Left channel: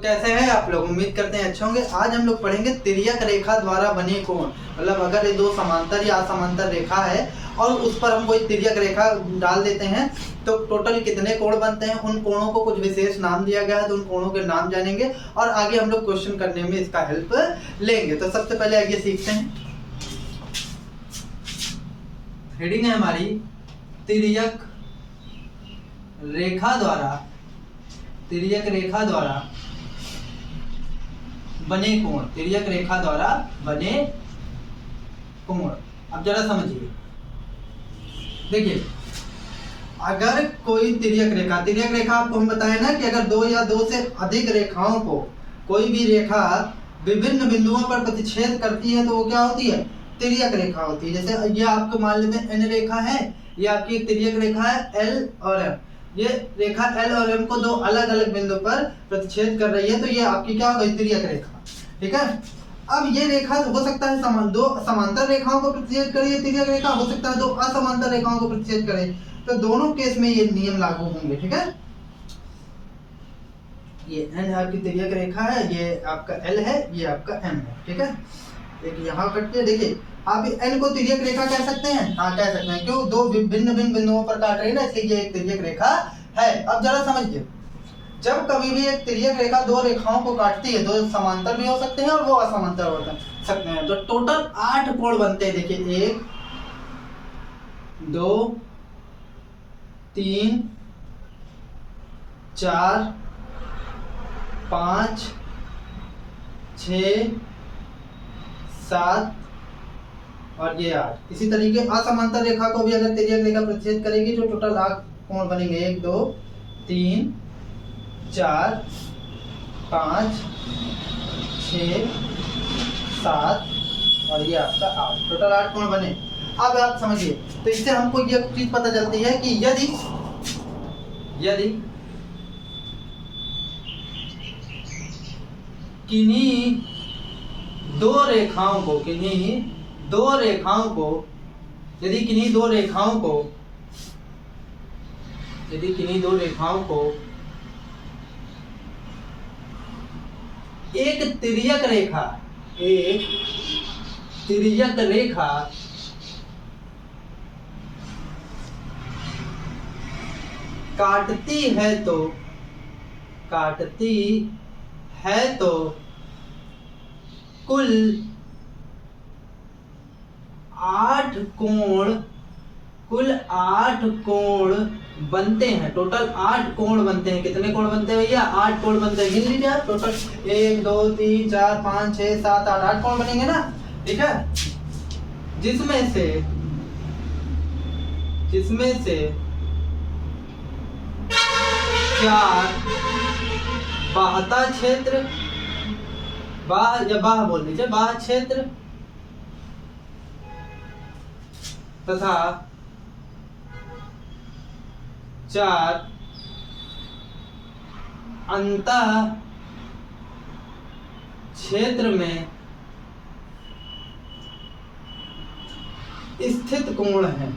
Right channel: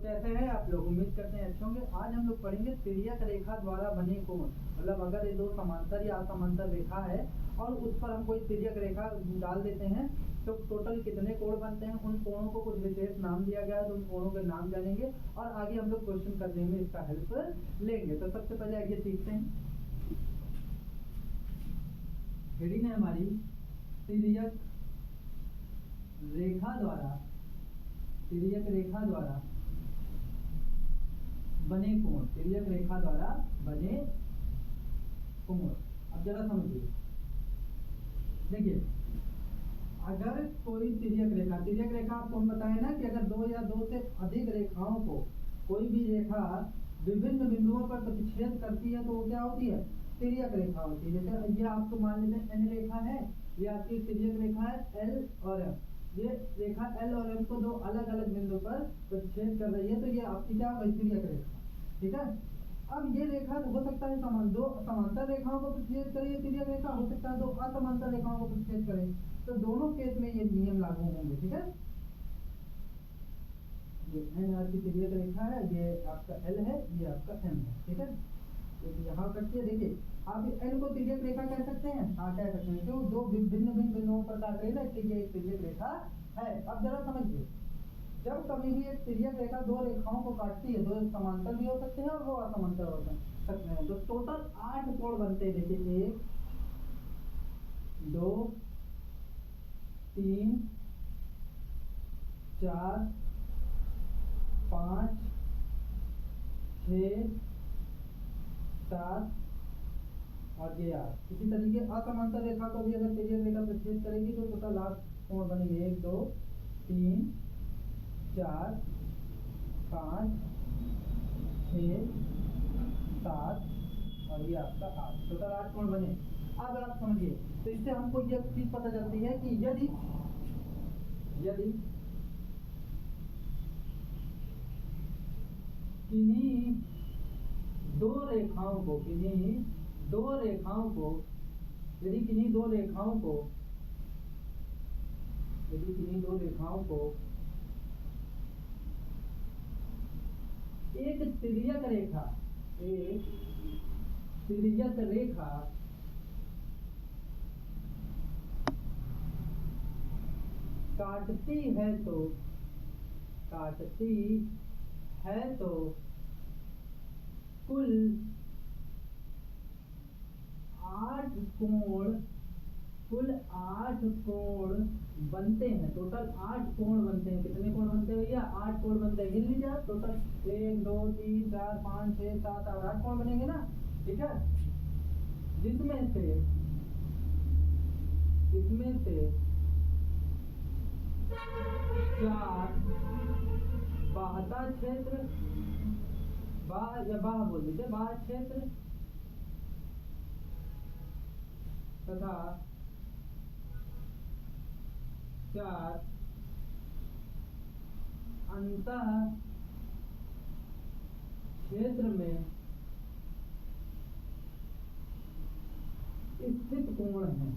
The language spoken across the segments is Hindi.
तो कैसे हैं आप लोग? उम्मीद करते हैं अच्छे होंगे। आज हम लोग पढ़ेंगे तिर्यक रेखा द्वारा बने कोण। मतलब अगर ये दो समांतर या असमांतर रेखा है और उस पर हम कोई तिर्यक रेखा डाल देते हैं तो टोटल कितने कोण बनते हैं, उन कोणों को कुछ विशेष नाम दिया गया है तो उन कोणों के नाम जानेंगे और आगे हम लोग क्वेश्चन करने में इसका हेल्प लेंगे। तो सबसे पहले आगे सीखते हैं। हेडिंग है हमारी तिर्यक रेखा द्वारा बने कोण। तिर्यक रेखा द्वारा बने कोण। अब जरा समझिए, देखिए अगर कोई तिर्यक रेखा आपको हम बताए ना कि अगर दो या दो से अधिक रेखाओं को कोई भी रेखा विभिन्न बिंदुओं पर प्रतिच्छेद करती है तो वो क्या होती है? तिर्यक रेखा होती है। जैसे ये आपको मान लेते हैं एन रेखा है, ये आपकी तिर्यक रेखा है एल और एम। ये रेखा एल और एम को दो अलग अलग बिंदु पर प्रतिच्छेद कर रही है तो ये आपकी क्या हो गई? तिर्यक रेखा। ठीक है। अब ये रेखा हो सकता है दो समांतर रेखाओं को प्रतिच्छेद करे, तिर्यक रेखा हो सकता है दो असमांतर रेखाओं को प्रतिच्छेद करे। तो दोनों केस में ये नियम लागू होंगे। ठीक है। ये एन आपकी तिर्यक रेखा है, ये आपका एल है, ये आपका एम है। ठीक है। एक यहाँ कटती है, देखिए आप एन को तिर्यक रेखा कह सकते हैं। हाँ कह सकते हैं, क्यों? दो भिन्न भिन्न बिंदुओं पर काट रही है ना, इसलिए ये एक तिर्यक रेखा है। अब जरा समझिए, जब कभी भी एक तिर्यक रेखा दो रेखाओं को काटती है, दो समांतर भी हो सकते हैं और वो असमांतर हो सकते हैं, तो टोटल 8 कोण बनते हैं। देखिए 1 2 3 4 5 6 7 और ये 8। इसी तरीके असमांतर रेखा को भी अगर तिर्यक रेखा प्रतिच्छेद करेगी तो टोटल 8 कोण बनेंगे। 1 2 3 4 5 6 7 और ये आपका 8। टोटल 8 कोण बने। अब आप समझिए, तो इससे हमको ये चीज पता चलती है कि यदि किन्हीं दो रेखाओं को यदि किन्हीं दो रेखाओं को एक तिर्यक रेखा काटती है तो कुल 8 कोण बनते हैं। टोटल 8 कोण बनते हैं। कितने कोण बनते हैं भैया? 8 कोण बनते हैं। गिन लीजिए आप। टोटल 1 2 3 4 5 6 7 8 कोण बनेंगे ना। ठीक है। जिसमें से 4 बाह्य क्षेत्र, बाह्य बोल दीजिए, बाह्य क्षेत्र तथा 4 अंतः क्षेत्र में स्थित कोण है।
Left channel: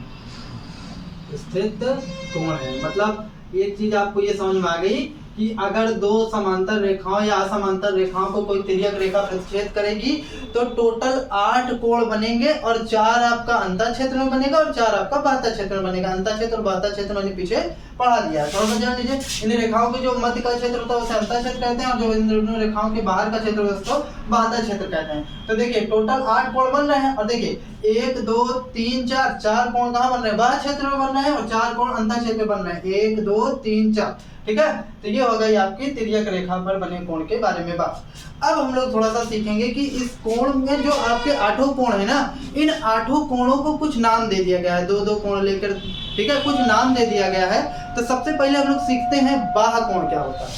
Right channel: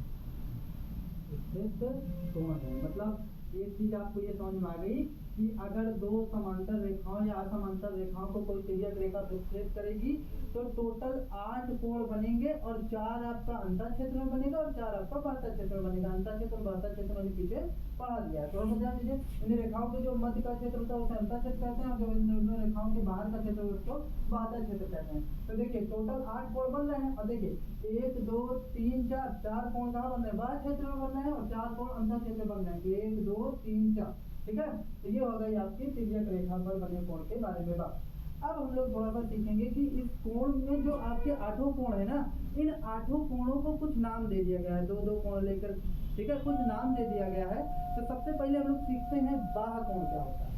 मतलब एक चीज आपको ये समझ में आ गई कि अगर दो समांतर रेखाओं या असमांतर रेखाओं को कोई तिर्यक रेखा प्रतिच्छेद करेगी तो टोटल 8 कोण बनेंगे और 4 आपका अंतः क्षेत्र में बनेगा और 4 आपका बाह्य क्षेत्र में बनेगा। अंतः क्षेत्र और बाह्य क्षेत्र मैंने पीछे पढ़ा दिया है, थोड़ा सा जान लीजिए। इन रेखाओं के जो मध्य का क्षेत्र होता है उसे अंतः क्षेत्र कहते हैं और जो इन दोनों रेखाओं के बाहर का क्षेत्र होता है उसको बाह्य क्षेत्र कहते हैं। तो देखिए टोटल 8 कोण बन रहे हैं और देखिए 1 2 3 4 कोण कहाँ बन रहे हैं? बाह्य क्षेत्र में बन रहे हैं और 4 कोण अंतः क्षेत्र में बन रहे हैं। 1 2 3 4। ठीक है। तो ये हो गई आपकी तिर्यक रेखा पर बने कोण के बारे में बात। अब हम लोग थोड़ा सा सीखेंगे कि इस कोण में जो आपके 8 कोण है ना, इन 8 कोणों को कुछ नाम दे दिया गया है। दो कोण लेकर, ठीक है, कुछ नाम दे दिया गया है। तो सबसे पहले हम लोग सीखते हैं बाह्य कोण क्या होता है।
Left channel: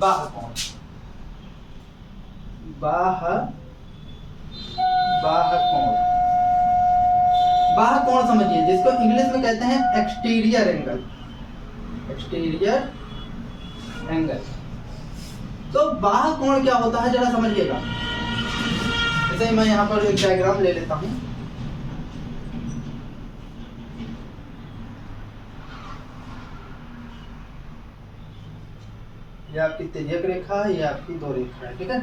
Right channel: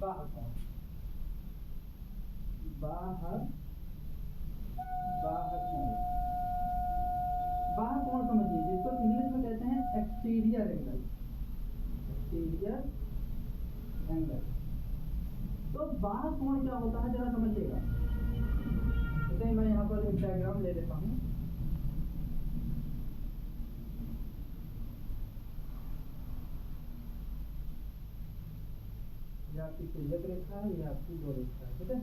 बाह्य कोण समझिए, जिसको इंग्लिश में कहते हैं एक्सटीरियर एंगल। तो बाह्य कोण क्या होता है जरा समझिएगा। जैसे मैं यहाँ पर एक डायग्राम ले लेता हूँ। ये आपकी तिर्यक रेखा है, ये आपकी दो रेखा है, ठीक है।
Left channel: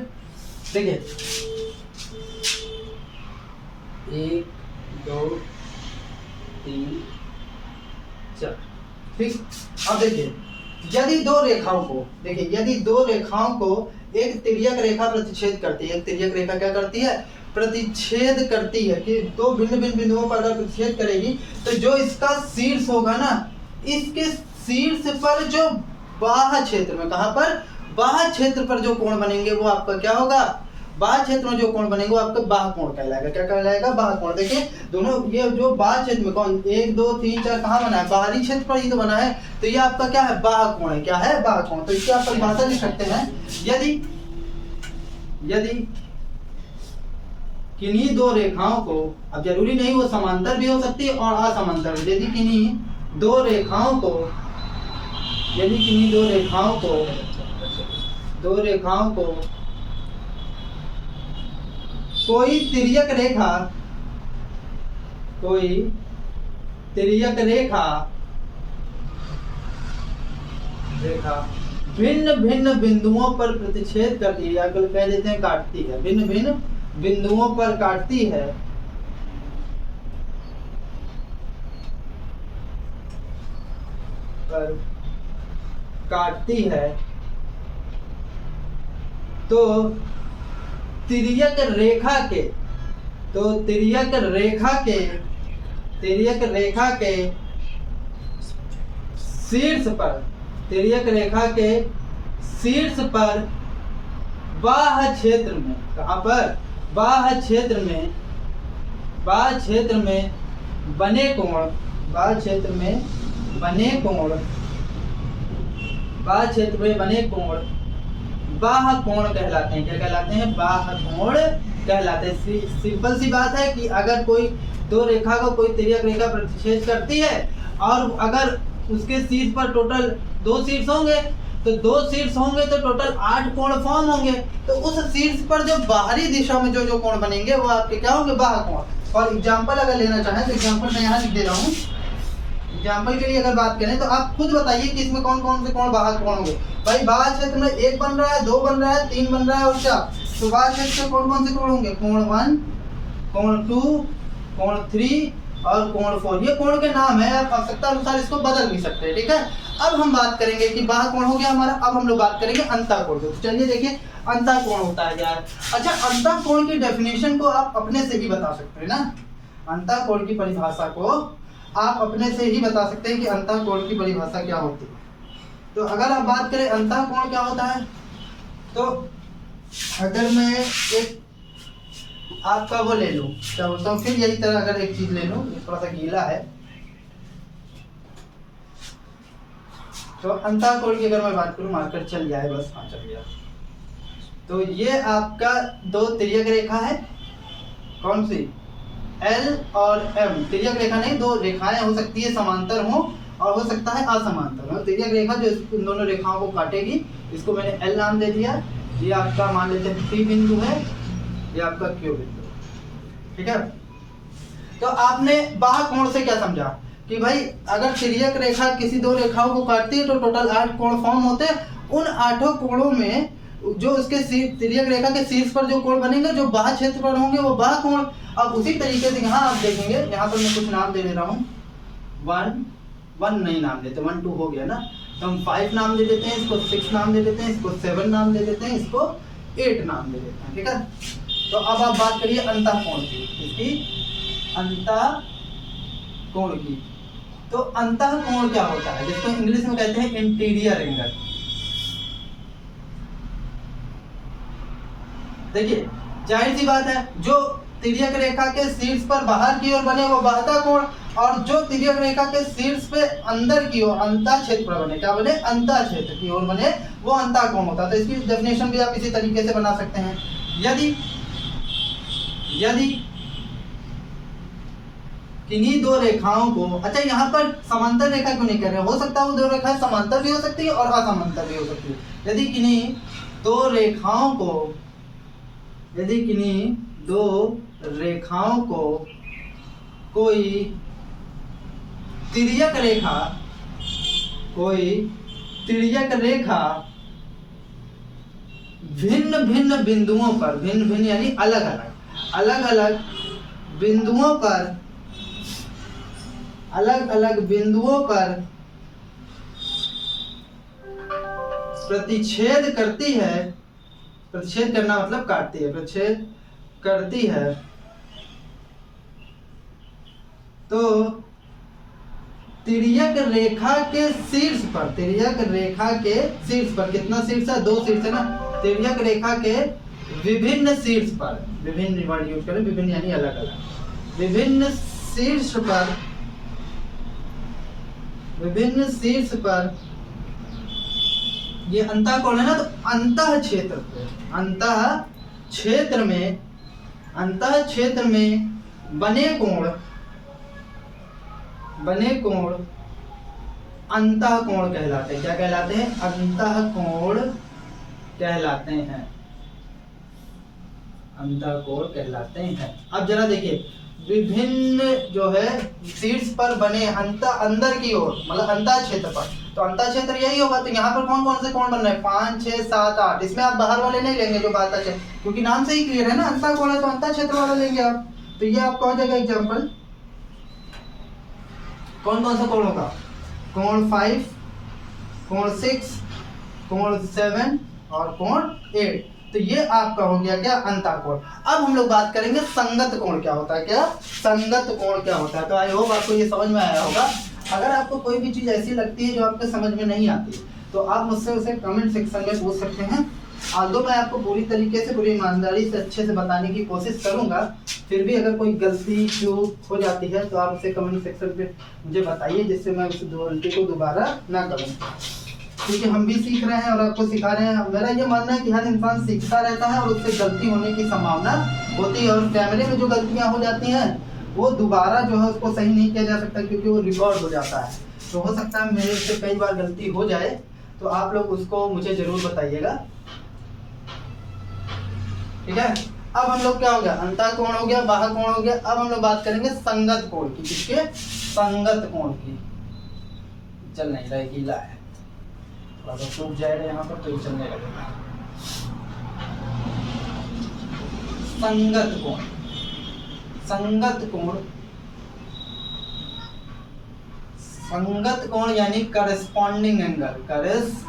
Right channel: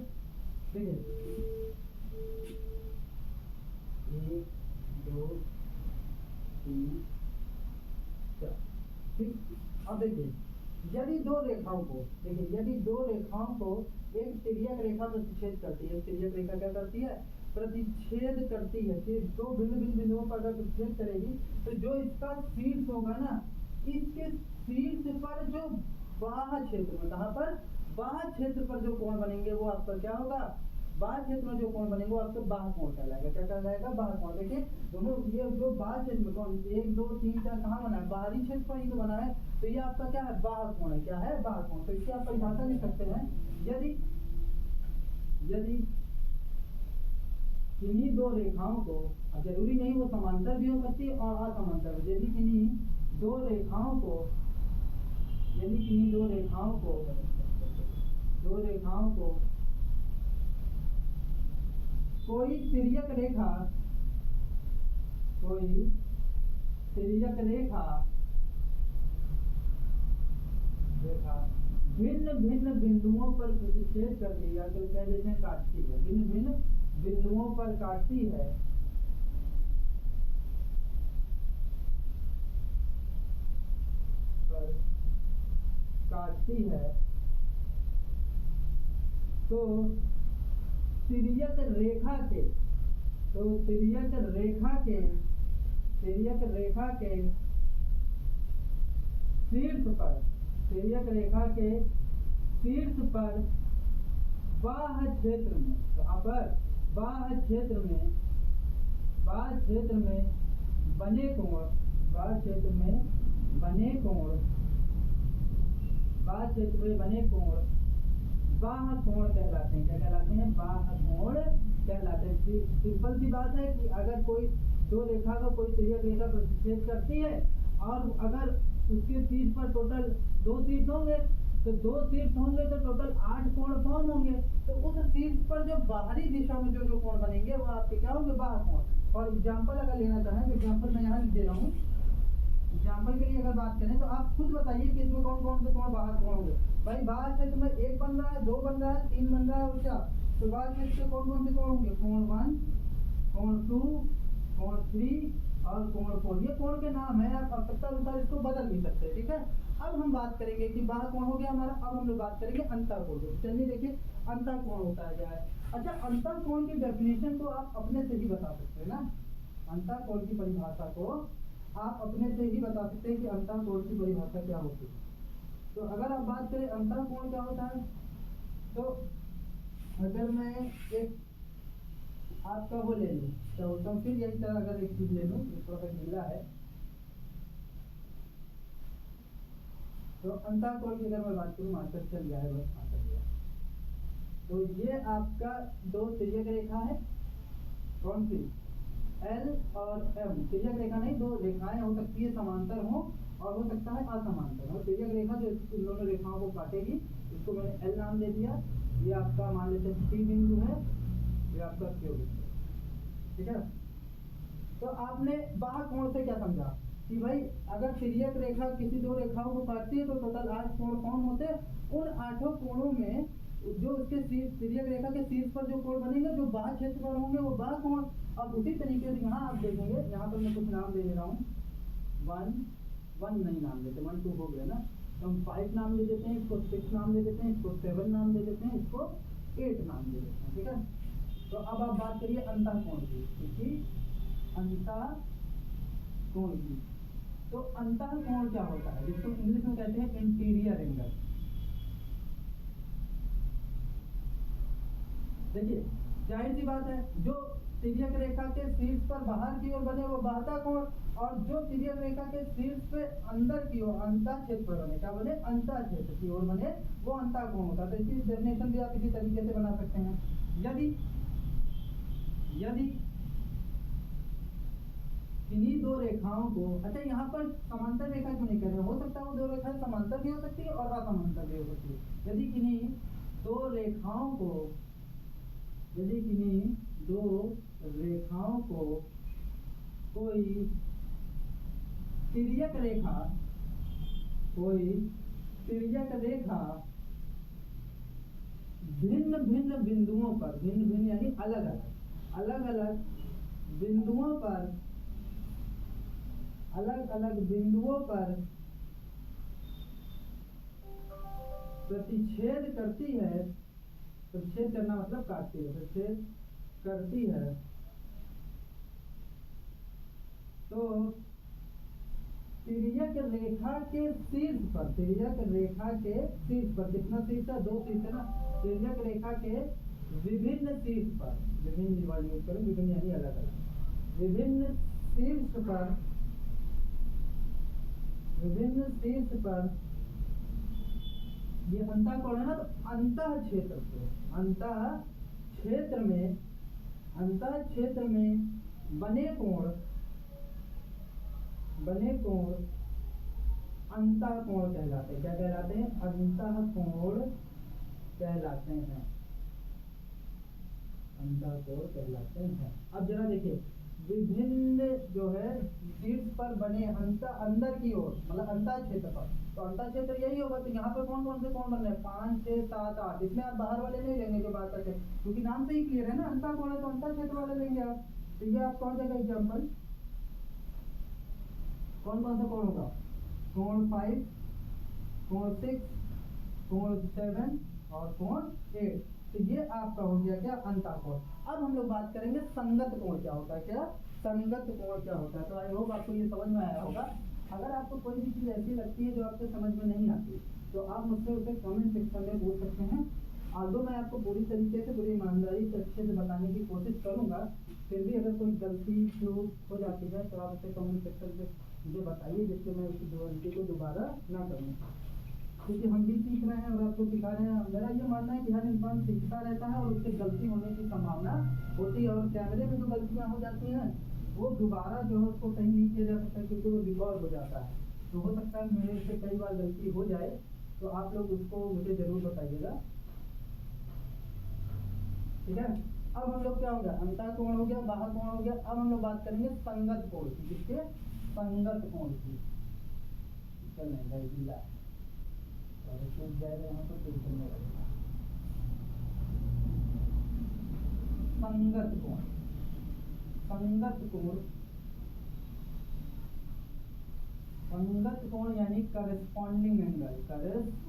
देखिए 1 2 3 4, ठीक। अब देखिए यदि दो रेखाओं को, देखिए यदि दो रेखाओं को एक तिर्यक रेखा प्रतिच्छेद करती है, एक तिर्यक रेखा क्या करती है, प्रतिच्छेद करती है, कि दो भिन्न भिन्न बिंदुओं पर अगर प्रतिच्छेद करेगी तो जो इसका शीर्ष होगा ना, इसके शीर्ष पर जो बाह्य क्षेत्र में, कहां पर, बाह्य क्षेत्र पर जो कोण बनेंगे वो आपका क्या होगा, बाह्य क्षेत्र में जो कोण बनेंगे वो आपका बाह्य कोण कहलाएगा। क्या कहलाएगा, बाह्य कोण। देखिए दोनों ये जो बाह्य क्षेत्र में कौन 1 2 3 4 कहाँ बना है, बाहरी क्षेत्र पर ही तो बना है, तो ये आपका क्या है, बाह्य कोण है। क्या है, बाह्य कोण। तो इसकी आप परिभाषा लिख सकते हैं, यदि किन्हीं दो रेखाओं को, अब जरूरी नहीं वो समांतर भी हो सकती है और असमांतर भी, यदि किन्हीं दो रेखाओं को, यदि किन्हीं दो रेखाओं को कोई तिर्यक रेखा भिन्न भिन्न बिंदुओं पर प्रतिच्छेद करती है, या कह देते हैं काटती है, भिन्न भिन्न बिंदुओं पर काटती है, तो तिर्यक रेखा के शीर्ष पर बाह्य क्षेत्र में, कहां पर, बाह्य क्षेत्र में बने कोण, बाह्य कोण कहलाते हैं। क्या कहलाते हैं, बाह्य कोण कहलाते हैं। सिंपल सी बात है कि अगर कोई दो रेखा को कोई तिर्यक रेखा प्रतिच्छेद करती है और अगर उसके शीर्ष पर टोटल दो शीर्ष होंगे तो टोटल 8 कोण फॉर्म होंगे। तो उस शीर्ष पर जो बाहरी दिशा में जो कोण बनेंगे वो आपके क्या होंगे, बाह्य कोण। और एग्जांपल अगर लेना चाहें तो एग्जांपल मैं यहाँ लिख दे रहा हूँ। एग्जांपल के लिए अगर बात करें तो आप खुद बताइए कि इसमें कौन कौन से कोण बाह्य कोण होंगे। भाई बाह्य क्षेत्र में 1 बन रहा है, 2 बन रहा है, 3 बन रहा है और 4। तो बाह्य क्षेत्र में कौन कौन से कोण होंगे, कोण 1, कोण 2, कोण 3 और कोण 4। ये कोण के नाम है, आप आवश्यकता अनुसार इसको बदल भी सकते हैं, ठीक है। अब हम बात करेंगे कि बाह्य कोण हो गया हमारा, अब हम लोग बात करेंगे अंतःकोण की। तो चलिए देखिए अंतःकोण होता है क्या है। अच्छा, अंतःकोण की डेफिनेशन को आप अपने से ही बता सकते हैं ना, अंतःकोण की परिभाषा को आप अपने से ही बता सकते हैं कि अंतःकोण की परिभाषा क्या होती है। तो अगर आप बात करें अंतःकोण क्या होता है, तो अगर मैं एक आपका वो ले लूं, क्या बोलता हूँ, फिर यही तरह अगर एक चीज ले लूं, थोड़ा सा गीला है, तो अंतःकोण की अगर मैं बात करूं, मार्कर चल जाए बस, हाँ चल गया। तो ये आपका दो तिर्यक रेखा है, कौन सी, L और M। तिर्यक रेखा नहीं, दो रेखाएं हो सकती है, समांतर हो और हो सकता है असमांतर हो। तिर्यक रेखा जो इन दोनों रेखाओं को काटेगी, इसको मैंने L नाम दे दिया। ये आपका मान लेते हैं P बिंदु है, ये आपका Q बिंदु, ठीक है। तो आपने बाह्य कोण से क्या समझा कि भाई अगर तिर्यक रेखा किसी दो रेखाओं को काटती है तो टोटल 8 कोण फॉर्म होते हैं। उन 8 कोणों में जो उसके तिर्यक रेखा के शीर्ष पर जो कोण बनेंगे, जो बाह्य क्षेत्र पर होंगे, वो बाह्य कोण। अब उसी तरीके से यहाँ आप देखेंगे, यहाँ पर मैं कुछ नाम दे रहा हूँ, 1 नहीं नाम देते, 1 2 हो गया ना, तो हम 5 नाम दे देते हैं, इसको 6 नाम दे देते हैं, इसको 7 नाम दे देते हैं, इसको 8 नाम दे देते हैं, ठीक है। तो अब आप बात करिए अंतःकोण की, इसकी अंतःकोण की। तो अंतःकोण क्या होता है, जिसको इंग्लिश में कहते हैं इंटीरियर एंगल। देखिए जाहिर सी बात है, जो तिर्यक रेखा के शीर्ष पर बाहर की ओर बने वो बाह्य कोण, और जो तिर्यक रेखा के शीर्ष पे अंदर की ओर अंतः क्षेत्र पर बने, क्या बने, अंतः क्षेत्र की ओर बने, वो अंतःकोण होता है। तो इसकी डेफिनेशन भी आप इसी तरीके से बना सकते हैं। यदि किन्हीं दो रेखाओं को, अच्छा यहाँ पर समांतर रेखा क्यों नहीं कर रहे, हो सकता है वो दो रेखाएं समांतर भी हो सकती है और असमांतर भी हो सकती है। यदि किन्हीं दो रेखाओं को कोई तिर्यक रेखा भिन्न भिन्न बिंदुओं पर, भिन्न भिन्न यानी अलग अलग, अलग अलग बिंदुओं पर, अलग अलग बिंदुओं पर प्रतिच्छेद करती है, प्रतिच्छेद करना मतलब काटती है, प्रतिच्छेद करती है, तो तिर्यक रेखा के शीर्ष पर, तिर्यक रेखा के शीर्ष पर, कितना शीर्ष है, 2 शीर्ष है ना, तिर्यक रेखा के विभिन्न शीर्ष पर, विभिन्न वर्ड यूज करें, विभिन्न यानी अलग अलग, विभिन्न शीर्ष पर, विभिन्न शीर्ष पर, ये अंतःकोण है ना, तो अंतः क्षेत्र पे, अंतः क्षेत्र में, अंतः क्षेत्र में बने कोण, बने कोण अंतःकोण कहलाते हैं। क्या कहलाते हैं? अंतःकोण कहलाते हैं, अंतःकोण कहलाते हैं। अब जरा देखिए, विभिन्न जो है शीर्ष पर बने अंदर की ओर, मतलब अंतः क्षेत्र पर, तो अंतः क्षेत्र यही होगा। तो यहाँ पर कौन कौन से कोण बन रहे हैं? 5, 6, 7, 8। इसमें आप बाहर वाले नहीं लेंगे जो बाहर क्षेत्र, क्योंकि नाम से ही क्लियर है ना, अंतः कोण है तो अंतः क्षेत्र वाला लेंगे आप। तो ये आपका हो जाएगा एग्जाम्पल। कौन कौन सा कोण होगा? कोण 5, कोण 6, कोण 7 और कोण 8। तो ये आपका हो गया क्या? अंतःकोण। अब हम लोग बात करेंगे संगत कोण क्या होता है। क्या संगत कोण क्या होता है? तो आई होप आपको ये समझ में आया होगा। अगर आपको कोई भी चीज़ ऐसी लगती है जो आपके समझ में नहीं आती, तो आप मुझसे उसे कमेंट सेक्शन में पूछ सकते हैं। आल्दो मैं आपको पूरी तरीके से, पूरी ईमानदारी से, अच्छे से बताने की कोशिश करूंगा, फिर भी अगर कोई गलती चूक हो जाती है तो आप उसे कमेंट सेक्शन पे मुझे बताइए, जिससे मैं उस गलती को दोबारा ना करूं। क्योंकि हम भी सीख रहे हैं और आपको सिखा रहे हैं। मेरा ये मानना है कि हर इंसान सीखता रहता है और उससे गलती होने की संभावना होती है, और कैमरे में जो गलतियाँ हो जाती हैं वो दोबारा जो है उसको सही नहीं किया जा सकता, क्योंकि वो रिकॉर्ड हो जाता है। तो हो सकता है मेरे से कई बार गलती हो जाए, तो आप लोग उसको मुझे जरूर बताइएगा, ठीक है। अब हम लोग क्या हो गया? अंतःकोण हो गया, बाह्य कोण हो गया। अब हम लोग बात करेंगे संगत कोण की। किसके? संगत कोण की। चल नहीं रहा, गीला है, थोड़ा सा सूख जाएगा यहाँ पर तो चलने लगेगा। संगत कोण, संगत कोण, संगत कोण यानी corresponding angle, corresponding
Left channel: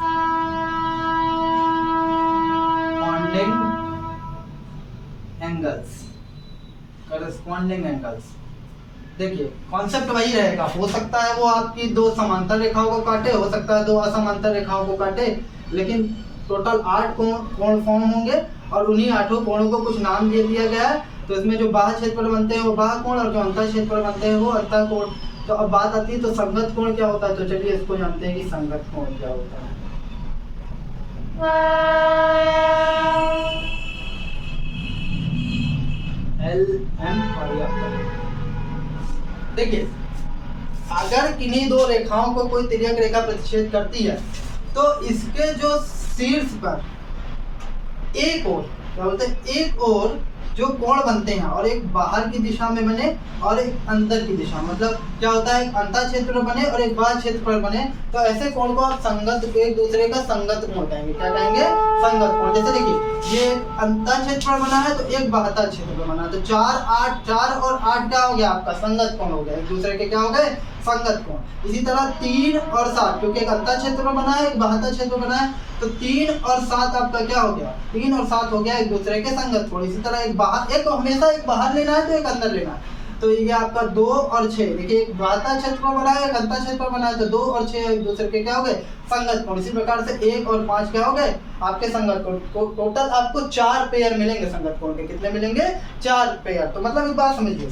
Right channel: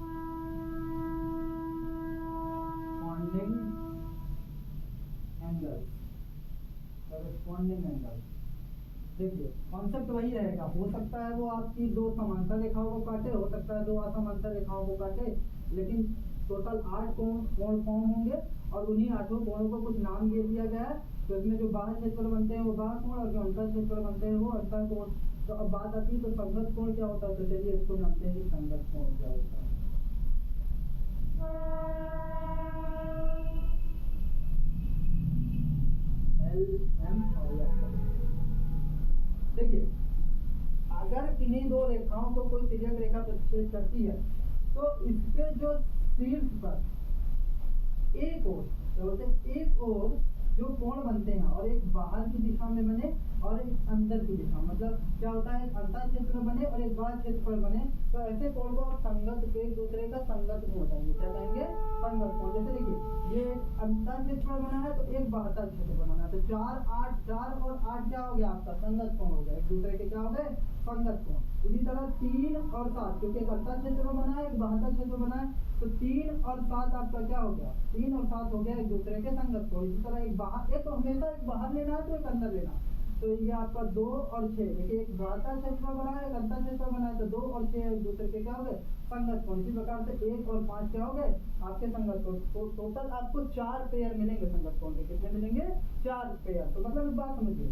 angles, corresponding angles. देखिए कॉन्सेप्ट वही रहेगा। हो सकता है वो आपकी 2 समांतर रेखाओं को काटे, हो सकता है 2 असमांतर रेखाओं को काटे, लेकिन टोटल 8 कोण फॉर्म होंगे और उन्हीं 8 कोणों को कुछ नाम दे दिया गया है। तो इसमें जो बाह्य क्षेत्रफल बनते हैं वो बाह्य कोण, और जो अंतः क्षेत्रफल बनते हैं वो अंतः कोण। तो अब बात आती है तो संगत कोण क्या होता है। तो चलिए इसको जानते हैं कि संगत कोण क्या होता है। LM देखिए, अगर किन्हीं 2 रेखाओं को कोई तिर्यक रेखा प्रतिच्छेद करती है, तो इसके जो शीर्ष पर एक ओर, क्या बोलते हैं, एक ओर जो कोण बनते हैं, और एक बाहर की दिशा में बने और एक अंदर की दिशा, मतलब क्या होता है, एक अंतः क्षेत्र बने और एक बाह्य क्षेत्र बने, तो ऐसे कोण को आप संगत, एक दूसरे का संगत कोण कहेंगे। क्या कहेंगे? संगत कोण। जैसे देखिए, ये अंतः क्षेत्र बना है तो एक बाह्य क्षेत्र बना है, तो 4, 8, 4 और 8 क्या हो गया? आपका संगत कोण हो गया, एक दूसरे के क्या हो गए? संगत कोण। इसी तरह 3 और 7, क्योंकि एक अंतः क्षेत्र बना है, एक बाह्य क्षेत्र बना है, तो 3 और 7 आपका क्या हो गया? 3 और 7 हो गया एक दूसरे के संगत कोण। इसी तरह एक बाहर, एक हमेशा एक बाहर लेना है तो एक अंदर लेना है। तो ये आपका 2 और 6, देखिए एक बाह्य क्षेत्र बना है, एक अंतः क्षेत्र बना है, तो 2 और 6 एक दूसरे के क्या हो गए? संगत कोण। इसी प्रकार से 1 और 5 क्या हो गए? आपके संगत कोण। टोटल आपको 4 पेयर मिलेंगे संगत कोण के। कितने मिलेंगे? 4 पेयर। तो मतलब एक बात समझिए,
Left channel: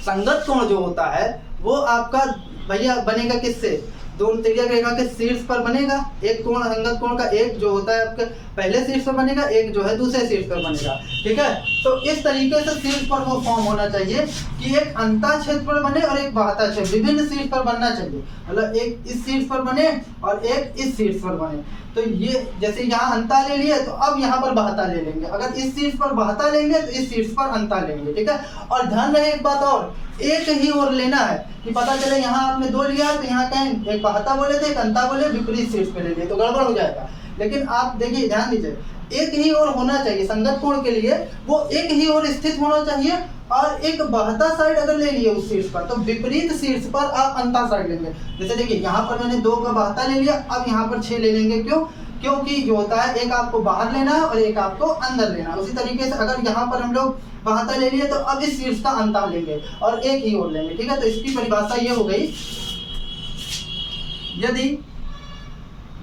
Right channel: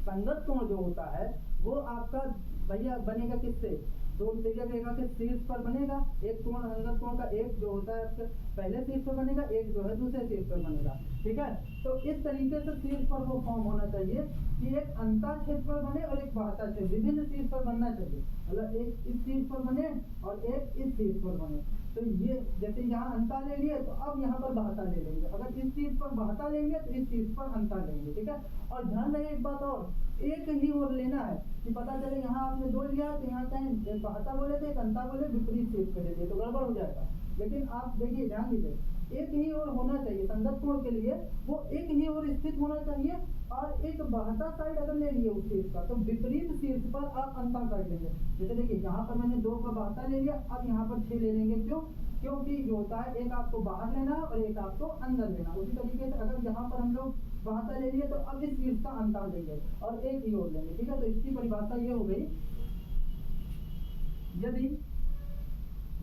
संगत कोण जो होता है वो आपका भैया बनेगा किससे? 2 तिर्यक रेखा के शीर्ष पर बनेगा। एक कोण संगत कोण का एक जो होता है आपके पहले शीर्ष पर बनेगा, एक जो है दूसरे शीर्ष पर बनेगा, ठीक है। तो इस तरीके से शीर्ष पर वो फॉर्म होना चाहिए कि एक अंतः क्षेत्र पर बने और एक बाह्य क्षेत्र, विभिन्न शीर्ष पर बनना चाहिए। मतलब एक इस शीर्ष पर बने और एक इस शीर्ष पर बने। तो ये जैसे यहाँ अंतः ले लिए, तो अब यहाँ पर बाह्य ले लेंगे। अगर इस शीर्ष पर बाह्य लेंगे तो इस शीर्ष पर अंतः लेंगे, ठीक है। और ध्यान रहे एक बात और, एक ही ओर लेना है, कि पता चले यहाँ आपने 2 लिया तो यहाँ कहें एक बाह्य बोले थे, एक अंतः बोले, विपरीत शीर्ष पे ले लिए तो गड़बड़ हो जाएगा। लेकिन आप देखिए, ध्यान दीजिए, एक ही ओर होना चाहिए, संगत कोण के लिए वो एक ही ओर स्थित होना चाहिए। और एक बहता साइड अगर ले लिए उस शीर्ष पर, तो विपरीत शीर्ष पर आप अंता साइड लेंगे। जैसे देखिए यहाँ पर मैंने 2 का बहता ले लिया, अब यहाँ पर 6 ले लेंगे। क्यों? क्योंकि जो होता है एक आपको बाहर लेना है और एक आपको अंदर लेना है। उसी तरीके से अगर यहाँ पर हम लोग बहता ले लिए तो अब इस शीर्ष का अंता लेंगे और एक ही ओर लेंगे। ठीक है, तो इसकी परिभाषा ये हो गई,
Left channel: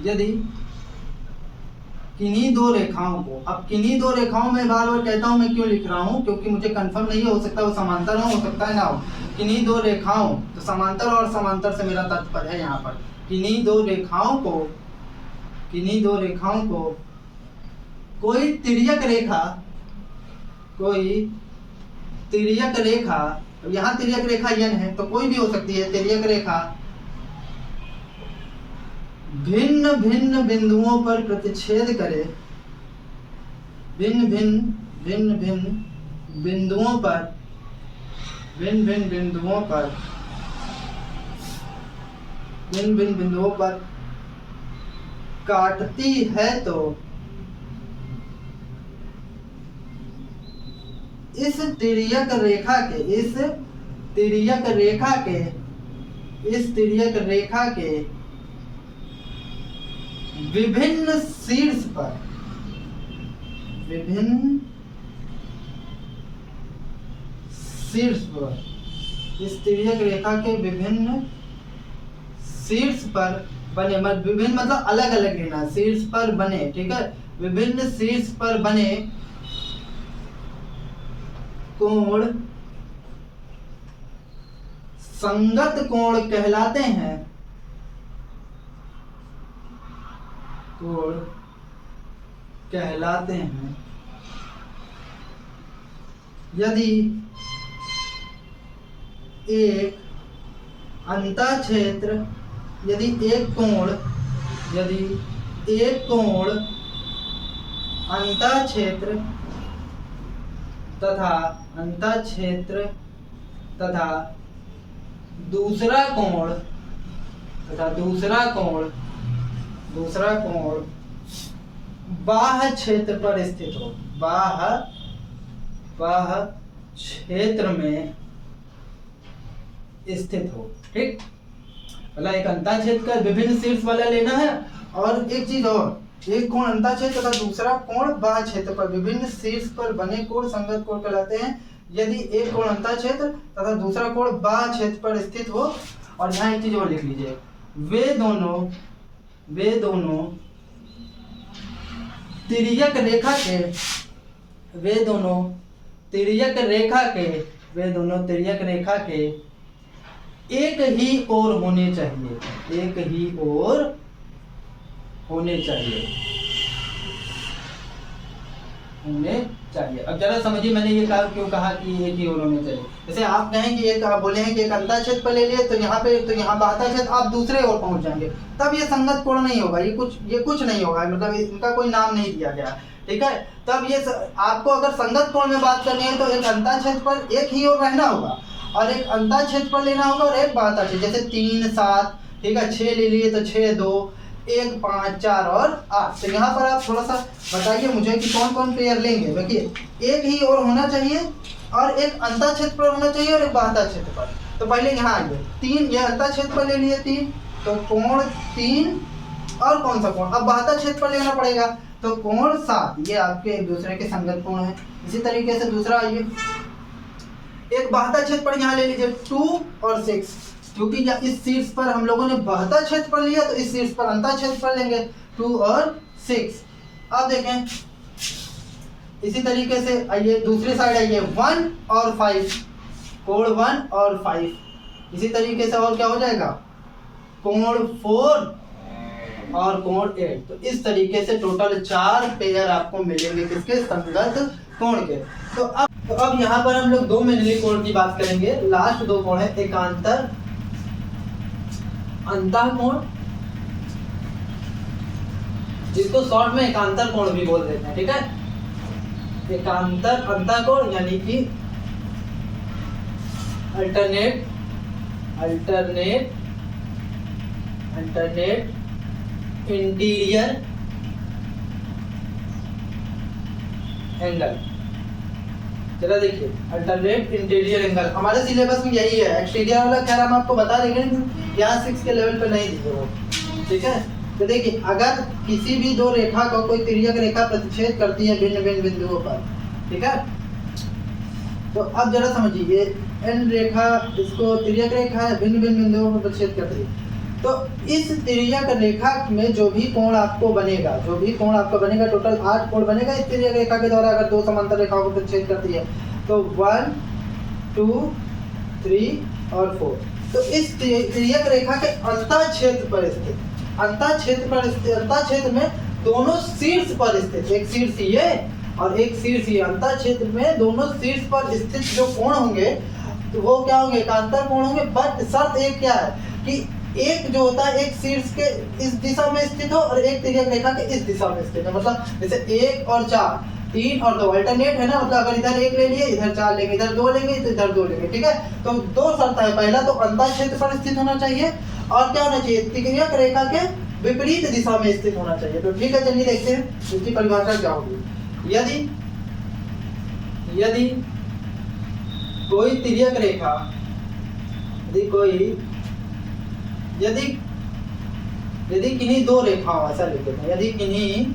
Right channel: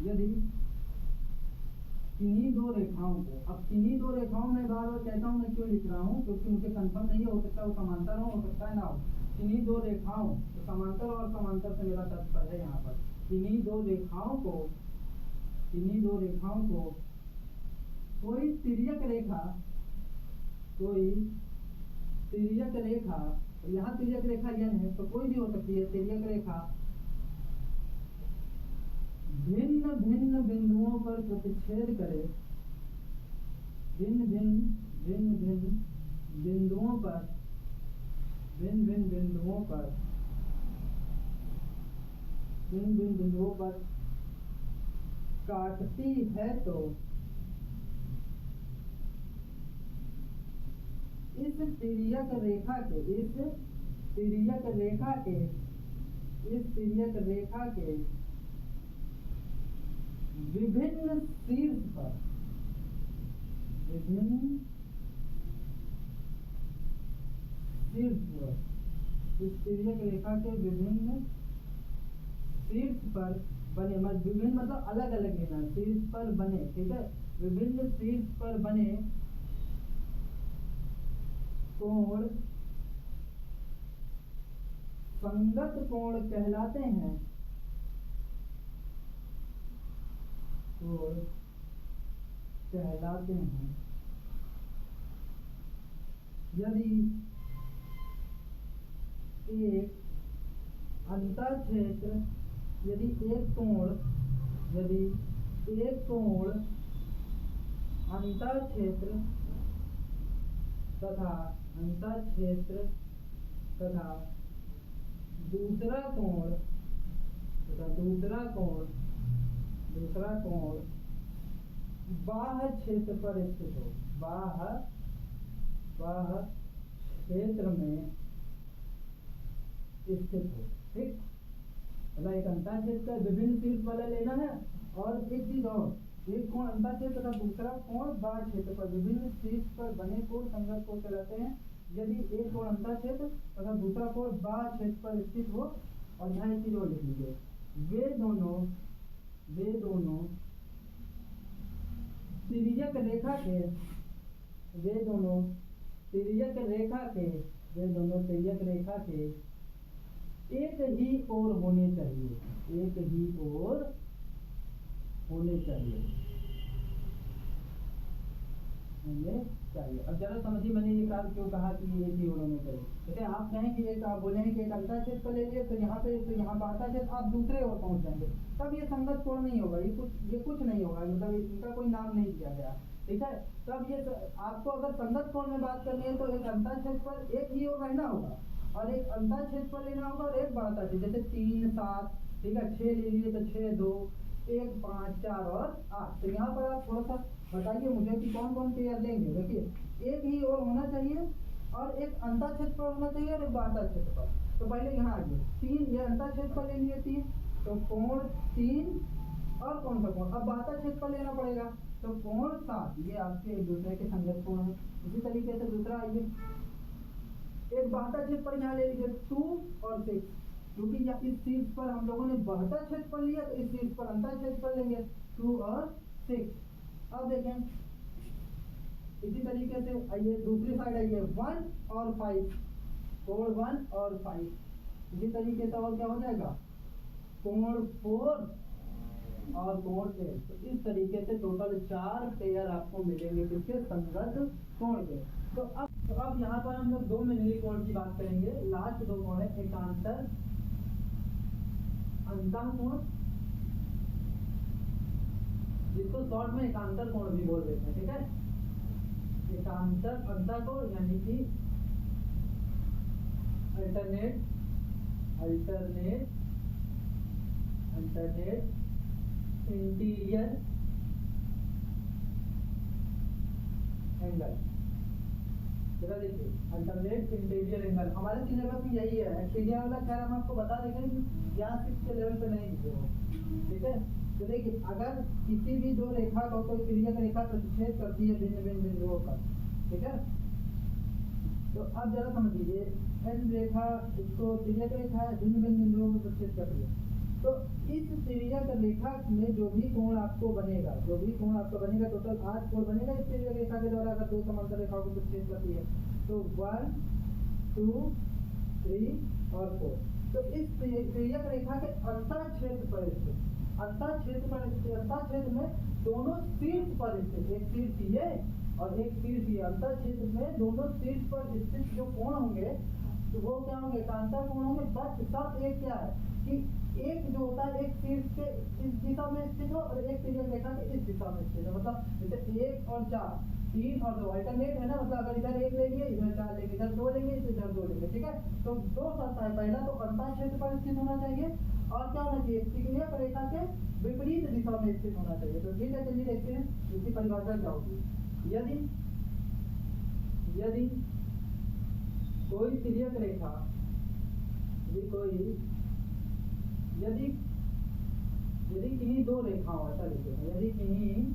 यदि किन्हीं 2 रेखाओं को, अब किन्हीं 2 रेखाओं में बार बार कहता हूं मैं क्यों लिख रहा हूं, क्योंकि मुझे कंफर्म नहीं हो सकता वो समांतर हो सकता है ना हो। किन्हीं 2 रेखाओं, तो समांतर और समांतर से मेरा तात्पर्य है यहाँ पर किन्हीं 2 रेखाओं को कोई तिर्यक रेखा, यहाँ तिर्यक रेखा यन है तो कोई भी हो सकती है तिर्यक रेखा, भिन्न भिन्न बिंदुओं पर प्रतिच्छेद करे, भिन्न भिन्न बिंदुओं पर काटती है तो इस तिर्यक रेखा के विभिन्न शीर्ष पर इस तिर्यक रेखा के विभिन्न शीर्ष पर बने, विभिन्न मतलब अलग अलग लेना, शीर्ष पर बने। ठीक है, विभिन्न शीर्ष पर बने कोण संगत कोण कहलाते हैं। यदि एक अंतःक्षेत्र, यदि एक कोण अंतःक्षेत्र तथा दूसरा कोण बाह्य क्षेत्र पर स्थित हो, बाह्य क्षेत्र में स्थित हो। ठीक, मतलब एक अंतःक्षेत्र का विभिन्न शीर्ष वाला लेना है, और एक चीज और, एक कोण अंतःक्षेत्र तथा दूसरा कोण बाह्य क्षेत्र पर विभिन्न शीर्ष पर बने कोण संगत कोण कहलाते हैं। यदि एक कोण अंतःक्षेत्र तथा दूसरा कोण बाह्य क्षेत्र पर स्थित हो। और यहाँ एक चीज और लिख लीजिए, वे दोनों तिर्यक रेखा के एक ही ओर होने चाहिए। अब जरा समझिए मैंने ये क्यों कहा कि एक ही ओर होने चाहिए। जैसे आप कहें कि एक, आप बोले हैं कि एक अंतःक्षेत्र पर ले लिए तो यहाँ बाह्य क्षेत्र आप दूसरे ओर पहुंच जाएंगे, तब ये संगत कोण नहीं होगा, ये कुछ नहीं होगा, मतलब इनका कोई नाम नहीं दिया गया। ठीक है, तब ये आपको अगर संगत कोण में बात करनी है तो एक अंतःक्षेत्र पर एक ही ओर रहना होगा और एक अंतःक्षेत्र पर लेना होगा और एक बाह्य क्षेत्र, जैसे 3 7, ठीक है, 6 ले लिए तो 6 2 1 5 4 और 8। तो यहाँ पर आप थोड़ा सा बताइए मुझे कि कौन कौन पेयर लेंगे। देखिए एक ही ओर होना चाहिए और एक अंतःक्षेत्र पर होना चाहिए और एक बाह्य क्षेत्र पर। तो पहले यहाँ आइए, 3 ये अंतःक्षेत्र पर ले लिए 3, तो कोण 3 और कौन सा कोण, अब बाह्य क्षेत्र पर लेना पड़ेगा तो कोण 7, ये आपके एक दूसरे के संगत कोण है। इसी तरीके से दूसरा आइए, एक बाह्य क्षेत्र पर यहाँ ले लीजिए 2 और 6, क्योंकि इस शीर्ष पर हम लोगों ने बाह्य क्षेत्र पर लिया तो इस शीर्ष पर अंतःक्षेत्र पर लेंगे 2 और 6। अब देखें इसी तरीके से आइए दूसरी साइड आइए, 1 और 5, कोण 1 और 5। इसी तरीके से और क्या हो जाएगा, कोण 4 और कोण 8। तो इस तरीके से टोटल 4 पेयर आपको मिलेंगे किसके, संगत कोण के। तो अब यहाँ पर हम लोग 2 मंडली कोण की बात करेंगे। लास्ट 2 कोण है एकांतर अंतःकोण, जिसको शॉर्ट में एकांतर कोण भी बोल देते हैं। ठीक है, एकांतर अंतःकोण यानी कि अल्टरनेट इंटीरियर एंगल। जरा देखिए अल्टरनेट इंटीरियर एंगल हमारे सिलेबस में यही है। एक्सटीरियर वाला खैर हम आपको बता देंगे, यहाँ 6 के लेवल पे नहीं दिए वो, ठीक है। तो देखिए अगर किसी भी दो रेखा को कोई तिर्यक रेखा प्रतिच्छेद करती है भिन्न भिन्न बिंदुओं पर, ठीक है, तो अब जरा समझिए एन रेखा इसको तिर्यक रेखा है, भिन्न भिन्न बिंदुओं पर प्रतिच्छेद करती है। तो इस तिर्यक रेखा में जो भी कोण आपको बनेगा, टोटल 8 कोण बनेगा इस तिर्यक रेखा के द्वारा अगर दो समांतर रेखाओं को प्रतिच्छेद करती है। तो 1 2 3 और 4। तो इस तिर्यक रेखा के अंतःक्षेत्र पर स्थित, अंतःक्षेत्र में दोनों शीर्ष पर स्थित, एक शीर्ष ये और एक शीर्ष ये, अंतःक्षेत्र में दोनों शीर्ष पर स्थित जो कोण होंगे तो वो क्या होंगे, एकांतर कोण होंगे। बट शर्त एक क्या है कि एक जो होता है एक शीर्ष के इस दिशा में स्थित हो और एक तिर्यक रेखा के इस दिशा में स्थित है। मतलब जैसे 1 और 4, 3 और 2 अल्टरनेट है ना, मतलब अगर इधर 1 ले लिए इधर 4 लेंगे, इधर 2 लेंगे तो इधर 2 लेंगे, ठीक है। तो 2 शर्त है, पहला तो अंतःक्षेत्र पर स्थित होना चाहिए और क्या होना चाहिए, तिर्यक रेखा के विपरीत दिशा में स्थित होना चाहिए। तो ठीक है चलिए देखते हैं इसकी परिभाषा क्या होगी। यदि कोई तिर्यक रेखा, यदि किन्हीं दो रेखाओं, ऐसा लिख देते हैं, यदि किन्हीं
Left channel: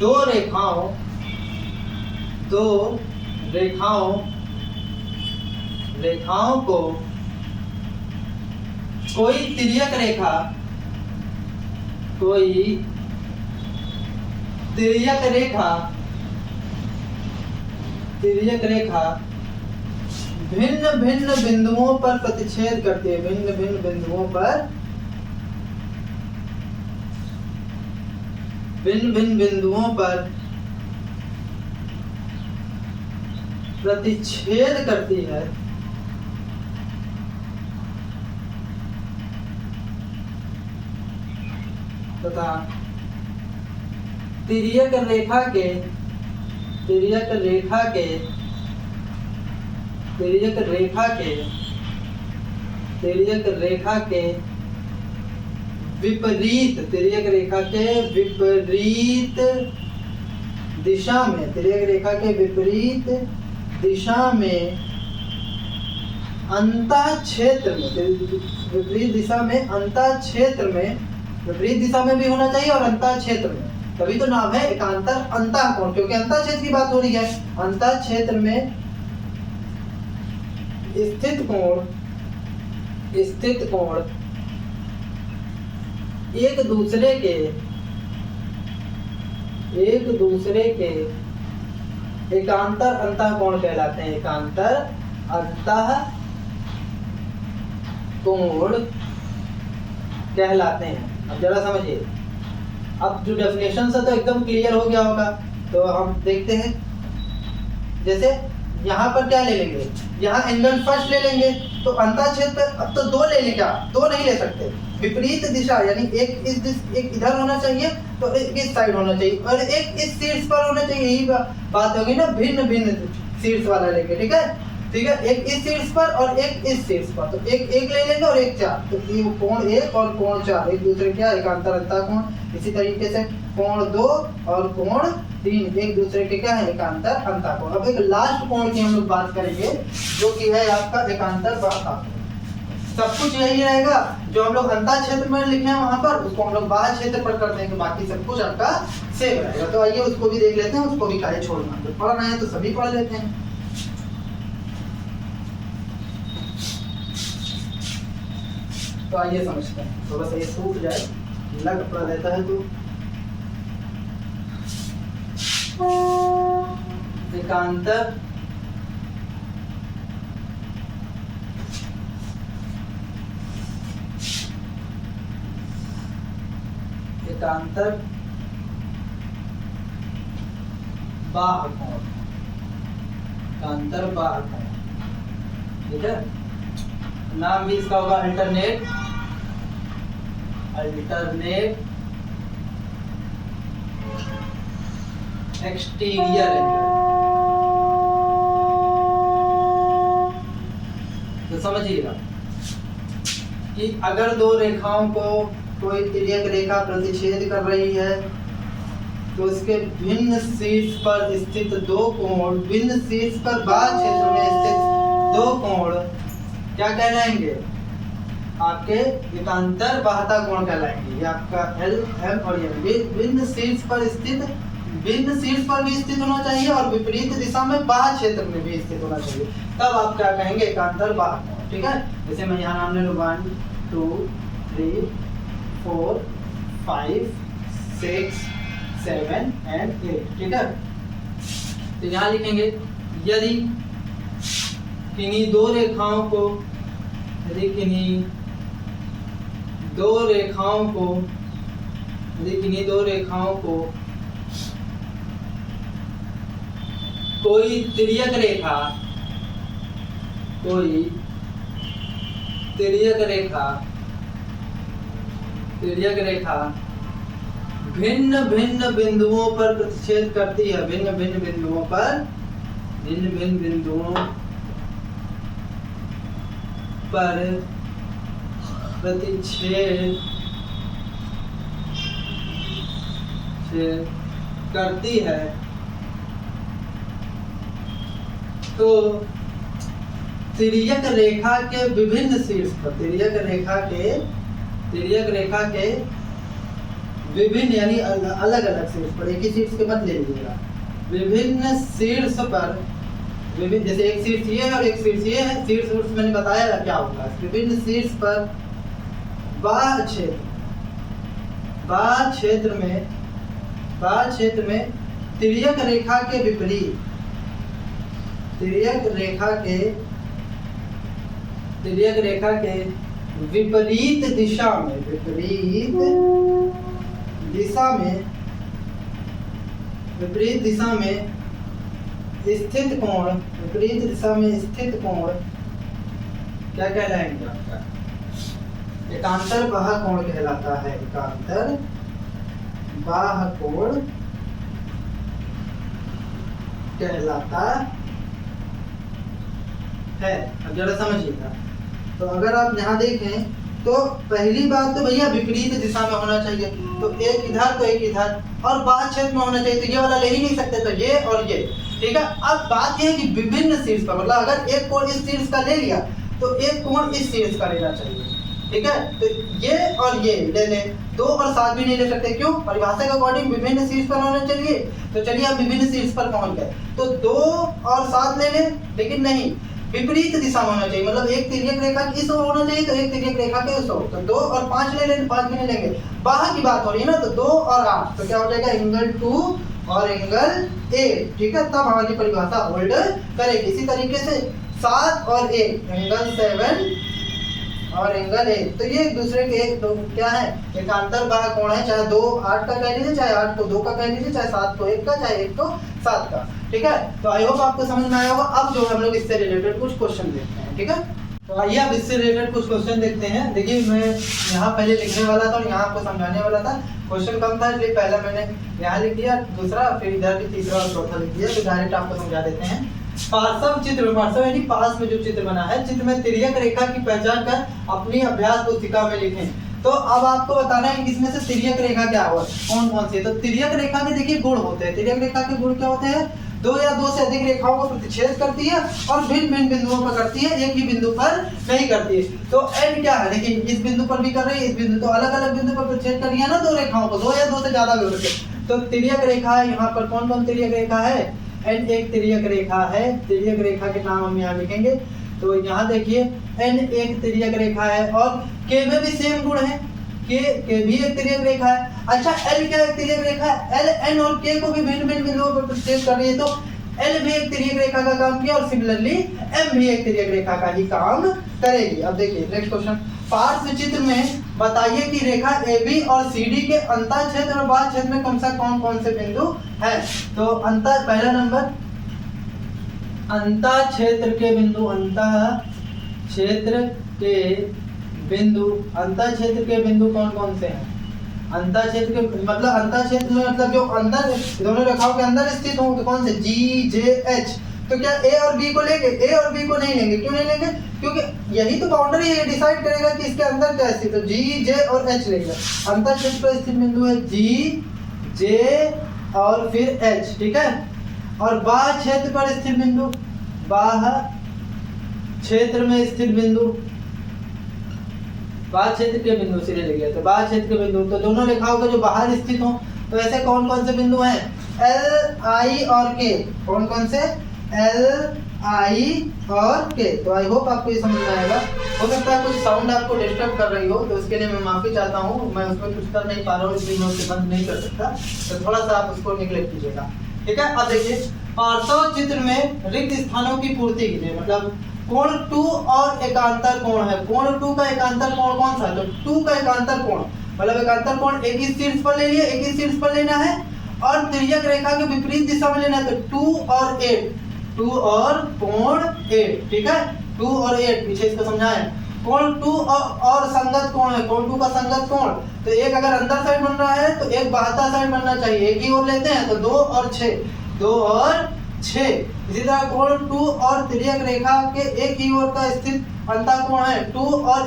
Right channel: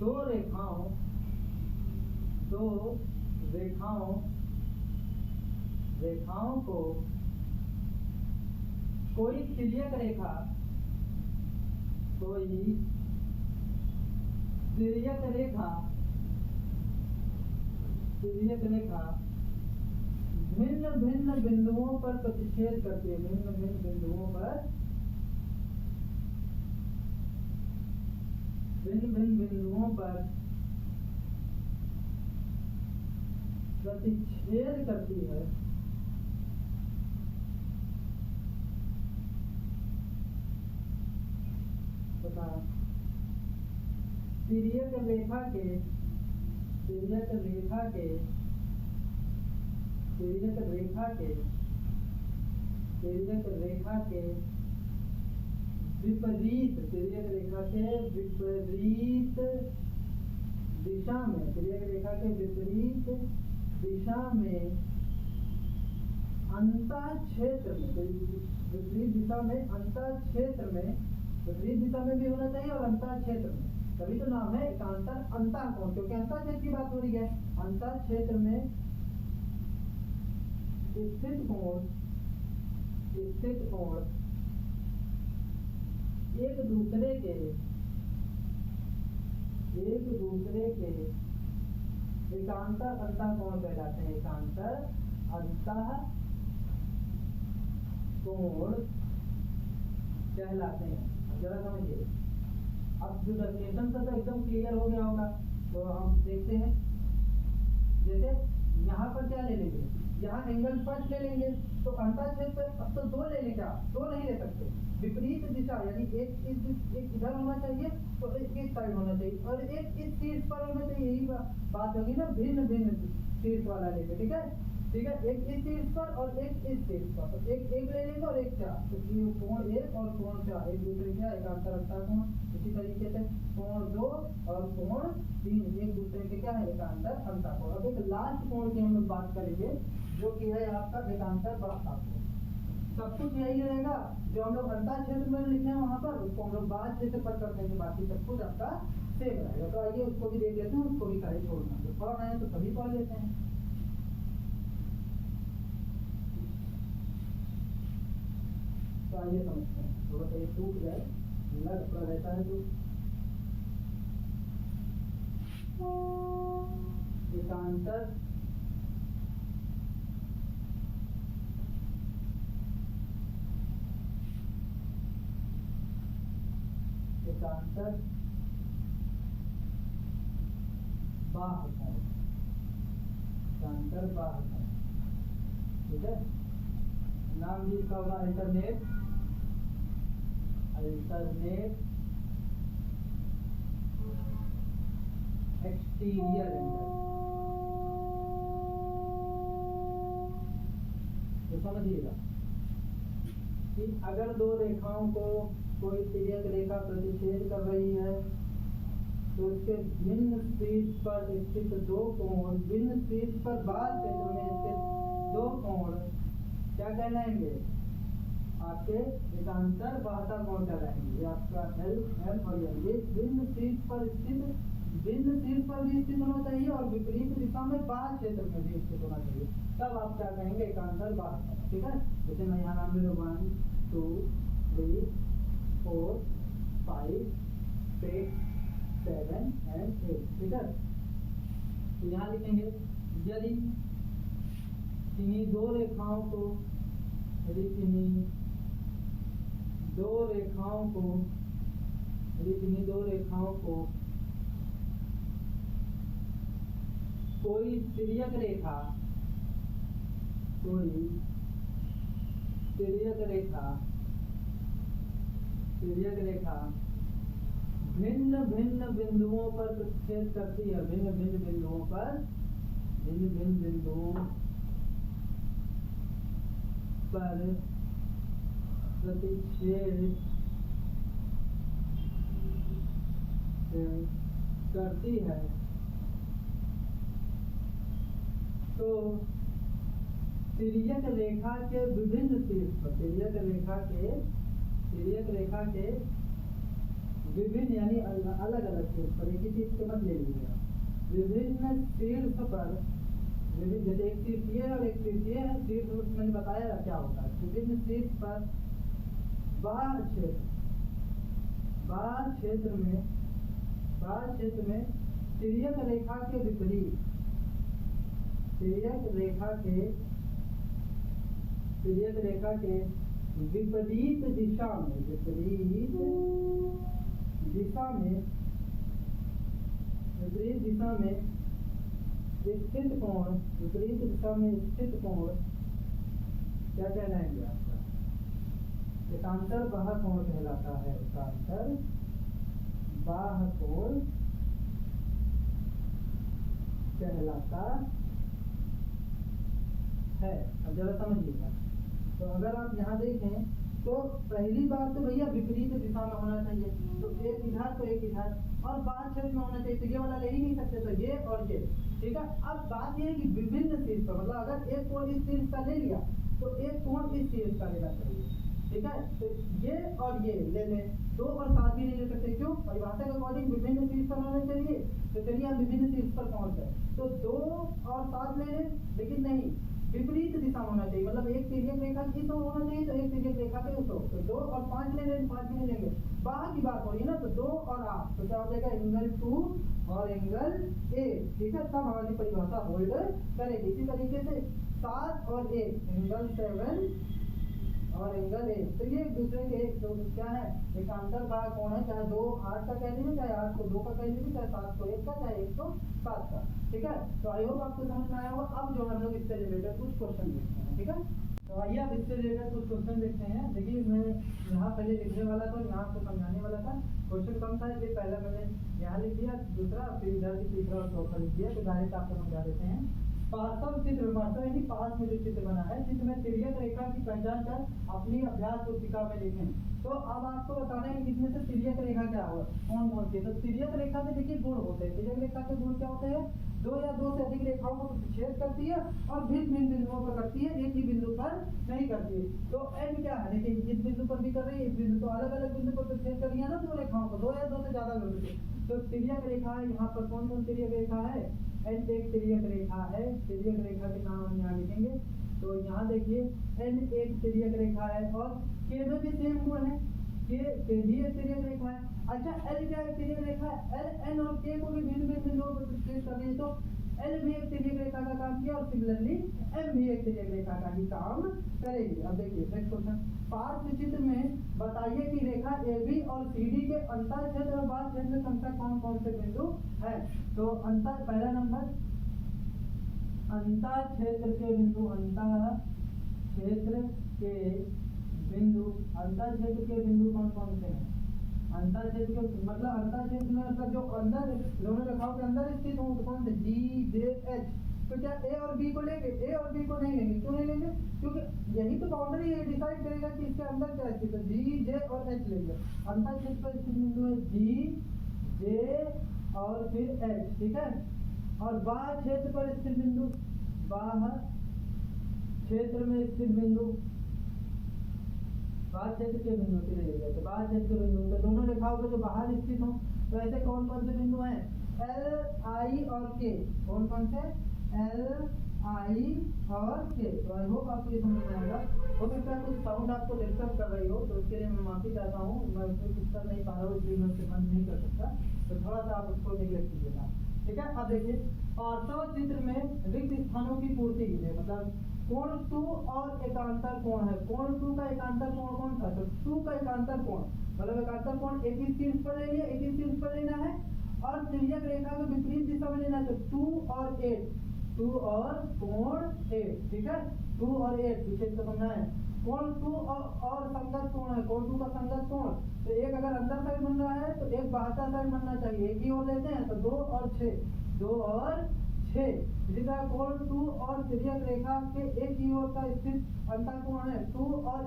दो रेखाओं को कोई तिर्यक रेखा भिन्न भिन्न बिंदुओं पर प्रतिच्छेद करती है, भिन्न भिन्न बिंदुओं पर प्रतिच्छेद करती है तथा तिर्यक रेखा के विपरीत दिशा में अंतःक्षेत्र में विपरीत दिशा में भी होना चाहिए और अंतःक्षेत्र में, तभी तो नाम है एकांतर अंतःकोण, क्योंकि अंतःक्षेत्र की बात हो रही है। अंतःक्षेत्र में स्थित कोण एक दूसरे के एकांतर अंतःकोण कहलाते हैं, एकांतर अंतःकोण कहलाते हैं। अब जरा समझिए, अब जो डेफिनेशन है तो एकदम क्लियर हो गया होगा। तो हम देखते हैं, जैसे यहाँ पर क्या ले लेंगे, यहाँ एंगल फर्स्ट ले लेंगे तो अंतःक्षेत्र अब तो 2 ले लेंगे, 2 नहीं ले सकते, विपरीत दिशा यानी एक इधर होना चाहिए तो एक इस साइड होना चाहिए और एक इस शीर्ष पर होना चाहिए। यही बात होगी ना, भिन्न भिन्न शीर्ष वाला लेंगे, ठीक है, एक इस शीर्ष पर और एक इस शीर्ष पर। तो एक ले लेंगे और एक 4, तो ये कोण 1 और कोण 4 एक दूसरे क्या एकांतर अंतःकोण। इसी तरीके से कोण 2 और कोण 3 एक दूसरे के क्या है एकांतर अंतःकोण। अब एक लास्ट कोण की हम लोग बात करेंगे जो कि है आपका एकांतर बाह्य। सब कुछ यही रहेगा जो हम लोग अंतःक्षेत्र में लिखे हैं वहां पर, उसको हम लोग बाह्य क्षेत्र पर कर देंगे, बाकी सब कुछ आपका सेम रहेगा। तो आइए उसको भी देख लेते हैं, उसको भी काहे छोड़ना, तो पढ़ना है तो सभी पढ़ लेते हैं। तो आइए समझते हैं, थोड़ा सा ये सूख जाए, गीला कपड़ा रहता है तो एकांतर बाह्य कोण, ठीक है। नाम भी इसका होगा अल्टरनेट एक्सटीरियर एंगल। तो समझिएगा कि अगर दो रेखाओं को कोई तिर्यक रेखा प्रतिच्छेद कर रही है तो इसके भिन्न शीर्ष पर स्थित दो कोण, भिन्न शीर्ष पर बाह्य क्षेत्र में स्थित दो कोण क्या कहलाएंगे? आपके एकांतर बाह्यता कोण कहलाएंगे। ये आपका एल एम और एम। भिन्न शीर्ष पर स्थित, भिन्न शीर्ष पर भी स्थित होना चाहिए और विपरीत दिशा में बाह्य क्षेत्र में भी स्थित होना चाहिए, तब आप क्या कहेंगे? एकांतर बाह्य कोण। ठीक है, जैसे मैं यहाँ नाम ले लूँ 1 2 3 4 5 6 7 and 8। ठीक है, तो यहाँ लिखेंगे यदि किन्हीं दो रेखाओं को, यदि किन्हीं दो रेखाओं को, यदि किन्हीं दो रेखाओं को कोई तिर्यक रेखा, कोई तिर्यक रेखा, तिर्यक रेखा भिन्न भिन्न बिंदुओं पर प्रतिच्छेद करती है, भिन्न भिन्न बिंदुओं पर, भिन्न भिन्न बिंदुओं पर प्रतिच्छेद करती है, तो तिर्यक रेखा के विभिन्न शीर्ष पर, तिर्यक रेखा के विभिन्न यानी अलग अलग शीर्ष पर, एक ही शीर्ष के मत ले लीजिएगा, विभिन्न शीर्ष पर, विभिन्न, जैसे एक शीर्ष ये है और एक शीर्ष ये है, शीर्ष मैंने बताया क्या होगा। विभिन्न शीर्ष पर बाह्य क्षेत्र में तिर्यक रेखा के विपरीत, तिर्यक रेखा के विपरीत दिशा में, विपरीत दिशा में स्थित कोण, विपरीत दिशा में स्थित कोण क्या कहलाएंगे? आपका एकांतर बाह्य कोण कहलाता है, एकांतर बाह्य कोण कहलाता है। अब जरा समझिएगा, तो अगर आप यहाँ देखें तो पहली बात तो भैया विपरीत दिशा में होना चाहिए, तो एक इधर तो एक इधर, और बाह्य क्षेत्र में होना चाहिए, तो ये वाला ले ही नहीं सकते, तो ये और ये। ठीक है, अब बात ये है कि विभिन्न शीर्ष पर, मतलब अगर एक कोण इस शीर्ष का ले लिया तो एक कोण इस शीर्ष का लेना चाहिए। ठीक है, तो ये और ये ले लें, 2 और 7 भी नहीं ले सकते, क्यों? परिभाषा के अकॉर्डिंग विभिन्न शीर्ष पर होना चाहिए, तो चलिए हम विभिन्न शीर्ष पर पहुंच गए, तो 2 और 7 ले लें, लेकिन नहीं, विपरीत दिशा में होना चाहिए, मतलब एक तिर्यक रेखा इस ओर होना चाहिए तो एक तिर्यक रेखा के उस ओर, तो 2 और 5 ले लें, 5 भी नहीं लेंगे। बाह्य की बात हो रही है ना, तो 2 और 8, तो क्या हो जाएगा? एंगल 2 और एंगल 8। ठीक है, तब हमारी परिभाषा होल्ड करेगी। इसी तरीके से 7 और 1 एंगल 7 और एंगल 8, तो ये एक दूसरे के एक, तो क्या है? एकांतर बाह्य कोण है, चाहे 2 8 का कह लीजिए, चाहे 8 को 2 का कह लीजिए, चाहे 7 को 1 का, चाहे 1 को 7 का। ठीक है, तो आई होप आपको समझ में आया होगा। अब जो हम लोग इससे रिलेटेड कुछ क्वेश्चन देखते हैं। ठीक है, तो आइए अब इससे रिलेटेड कुछ क्वेश्चन देखते हैं। देखिए, मैं यहाँ पहले लिखने वाला था और यहाँ आपको समझाने वाला था, क्वेश्चन कम था इसलिए पहला मैंने यहाँ लिख दिया, दूसरा फिर इधर भी तीसरा और चौथा लिख दिया, तो डायरेक्ट आपको समझा देते हैं। पार्श्व चित्र, पार्श्व यानी पास में जो चित्र बना है, चित्र में तिर्यक रेखा की पहचान कर अपनी अभ्यास पुस्तिका में लिखें। तो अब आपको बताना है कि इसमें से तिर्यक रेखा क्या हुआ, कौन कौन सी है। तो तिर्यक रेखा के देखिए गुण होते हैं, तिर्यक रेखा के गुण क्या होते हैं? 2 या 2 से अधिक रेखाओं को प्रतिच्छेद करती है और भिन्न भिन्न बिंदुओं पर करती है, एक ही बिंदु पर नहीं करती है। तो एंड क्या है? लेकिन इस बिंदु पर भी कर रही है, इस बिंदु, तो अलग अलग बिंदु पर प्रतिच्छेद कर रही है ना 2 रेखाओं को, 2 या 2 से ज्यादा भी हो सकते। तो तिर्यक रेखा है, यहाँ पर कौन कौन तिर्यक रेखा है? एन एक तिर्यक रेखा है, तिर्यक रेखा के नाम हम यहाँ लिखेंगे। तो यहाँ देखिए एन एक तिर्यक रेखा है और के में भी सेम गुण है, के भी एक तिर्यक रेखा है। अच्छा, एल क्या एक तिर्यक रेखा है? एल एन और के को भी भिन्न भिन्न बिंदुओं पर प्रतिच्छेद कर रही है, तो एल भी एक तिर्यक रेखा का काम किया और सिमिलरली एम भी एक तिर्यक रेखा का ही काम करेगी। अब देखिए नेक्स्ट क्वेश्चन, पार्श्व चित्र में बताइए कि रेखा AB और CD के अंतः क्षेत्र और बाह्य क्षेत्र में कम से कौन कौन से बिंदु है। तो अंतः, पहला नंबर अंतः क्षेत्र के बिंदु, अंतः क्षेत्र के बिंदु, अंतः क्षेत्र के बिंदु कौन कौन से हैं? अंतः क्षेत्र के मतलब अंतः क्षेत्र में मतलब जो अंदर दोनों रेखाओं के अंदर स्थित हों, तो कौन से? G, J, H। तो क्या A और B को लेंगे? A और B को नहीं लेंगे, क्यों नहीं लेंगे? क्योंकि यही तो बाउंड्री ये डिसाइड करेगा कि इसके अंदर क्या स्थित है। G, J और H लेंगे। अंतः क्षेत्र पर स्थित बिंदु है G, J और फिर H, ठीक है। और बाह्य क्षेत्र पर स्थित बिंदु, बाह्य क्षेत्र में स्थित बिंदु, बाह्य क्षेत्र के बिंदु सिरे ले गया, तो बाह्य क्षेत्र के बिंदु, तो दोनों रेखाओं के जो बाहर स्थित हो, तो ऐसे कौन कौन से बिंदु हैं? L, I और K, कौन कौन से? L, I और K। तो आई होप आपको ये समझ में आएगा। हो सकता है कुछ साउंड आपको डिस्टर्ब कर रही हो, तो इसके लिए मैं माफी चाहता हूँ, मैं उसमें कुछ कर नहीं पा रहा हूँ, इसलिए मैं उसे बंद नहीं कर सकता, तो थोड़ा सा आप उसको निगलेक्ट कीजिएगा, ठीक है। अब देखिए पार्श्व चित्र में रिक्त स्थानों की पूर्ति कीजिए, मतलब कोण 2 और एकांतर कोण है। कोण 2 का एकांतर कोण कौन सा है? तो 2 का एकांतर कोण, मतलब एकांतर कोण एक ही शीर्ष पर ले लिए, एक ही शीर्ष पर लेना है और तिर्यक रेखा के विपरीत दिशा में लेना है, तो 2 और 8, 2 और कोण 8, ठीक है। 2 और 8 पीछे इसको समझाएं। कोण 2 और संगत कोण है, कोण 2 का संगत कोण, तो एक अगर अंदर साइड बन रहा है तो एक बाहर साइड बनना चाहिए, एक ही ओर लेते हैं तो 2 और 6, 2 और 6। इसी तरह कोण 2 और तिर्यक रेखा के एक ही ओर का स्थित अंतःकोण है, 2 और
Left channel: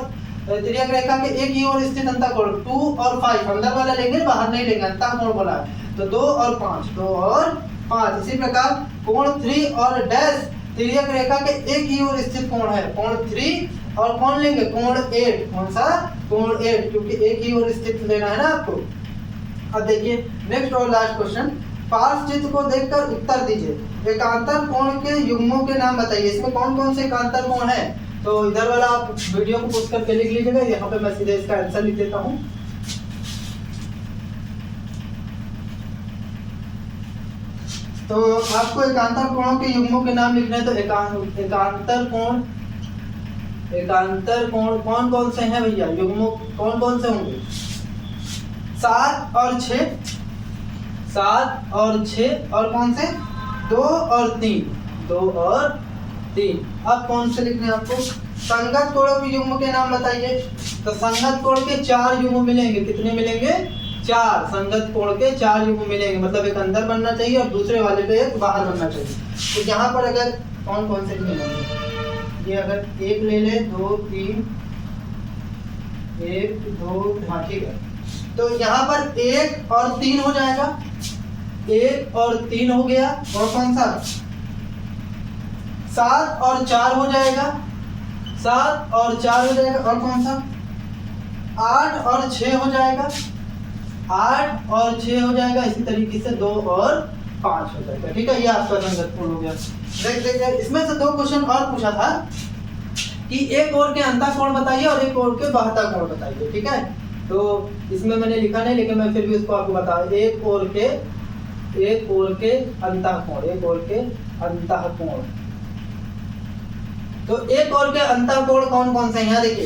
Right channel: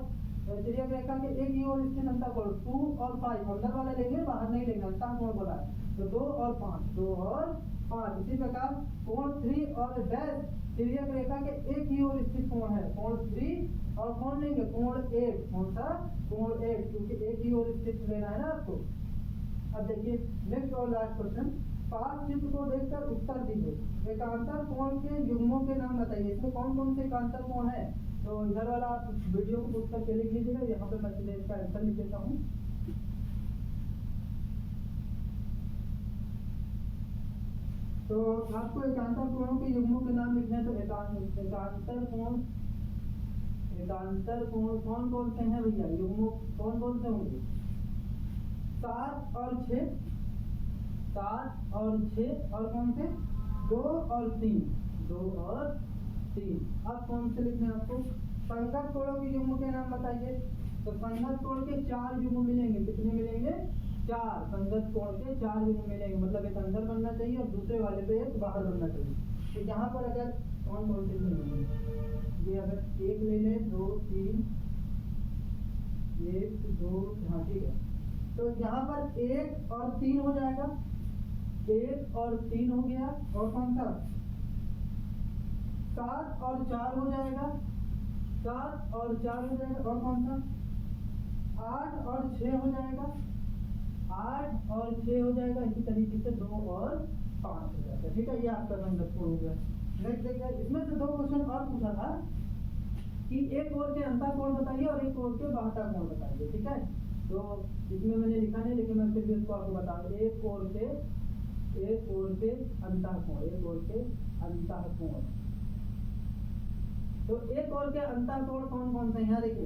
तिर्यक रेखा के एक ही ओर स्थित अंतःकोण, 2 और 5, अंदर वाला लेंगे बाहर नहीं लेंगे, अंतःकोण बोला है, तो 2 और 5, 2 और 5। इसी प्रकार कोण 3 और डैश तिर्यक रेखा के एक ही ओर स्थित कोण है, कोण 3 और कौन लेंगे? कोण 8, कौन सा? कोण 8, क्योंकि एक ही ओर स्थित लेना है ना आपको। अब देखिए नेक्स्ट और लास्ट क्वेश्चन, पार्श्व चित्र को देखकर उत्तर दीजिए। एकांतर कोण के युग्मों के नाम बताइए। इसमें कौन कौन से एकांतर कोण है? तो इधर वाला आप वीडियो को पॉज करके लिख लीजिएगा, यहाँ पे मैं सीधे इसका आंसर लिख देता हूँ। तो आपको एकांतर कोणों के युग्मों के नाम लिखने हैं, तो एकांतर कोण कौन कौन से हैं भैया? युग्मों कौन कौन से होंगे? 7 और 6, 7 और 6, और कौन से? 2 और 3, 2 और 3। अब कौन से लिखने हैं आपको? संगत कोणों के युग्म के नाम बताइए। तो संगत कोण के 4 युग्म मिलेंगे, कितने मिलेंगे? 4। संगत कोण के 4 युग्म मिलेंगे, मतलब एक अंदर बनना चाहिए और दूसरे वाले पे एक बाहर बनना चाहिए। तो यहाँ पर अगर कौन कौन से मिलेंगे, ये अगर एक ले ले, 2 3, 1 2, हाँ ठीक है। तो यहाँ पर 1 और 3 हो जाएगा, 1 और 3 हो गया, और कौन सा? 7 और 4 हो जाएगा, 7 और 4 हो जाएगा, और कौन सा? 8 और 6 हो जाएगा, 8 और 6 हो जाएगा। इसी तरीके से 2 और 5 हो जाएगा, ठीक है। ये आपका संगत कोण हो गया। देखिए इसमें से 2 क्वेश्चन और पूछा था कि एक ओर के अंतःकोण बताइए और एक ओर के बाह्य कोण बताइए, ठीक है। तो इसमें मैंने लिखा नहीं, लेकिन मैं फिर भी उसको आपको बता, एक ओर के अंतःकोण, एक ओर के अंतःकोण। तो एक ओर के अंतःकोण कौन कौन से हैं? यहाँ देखिए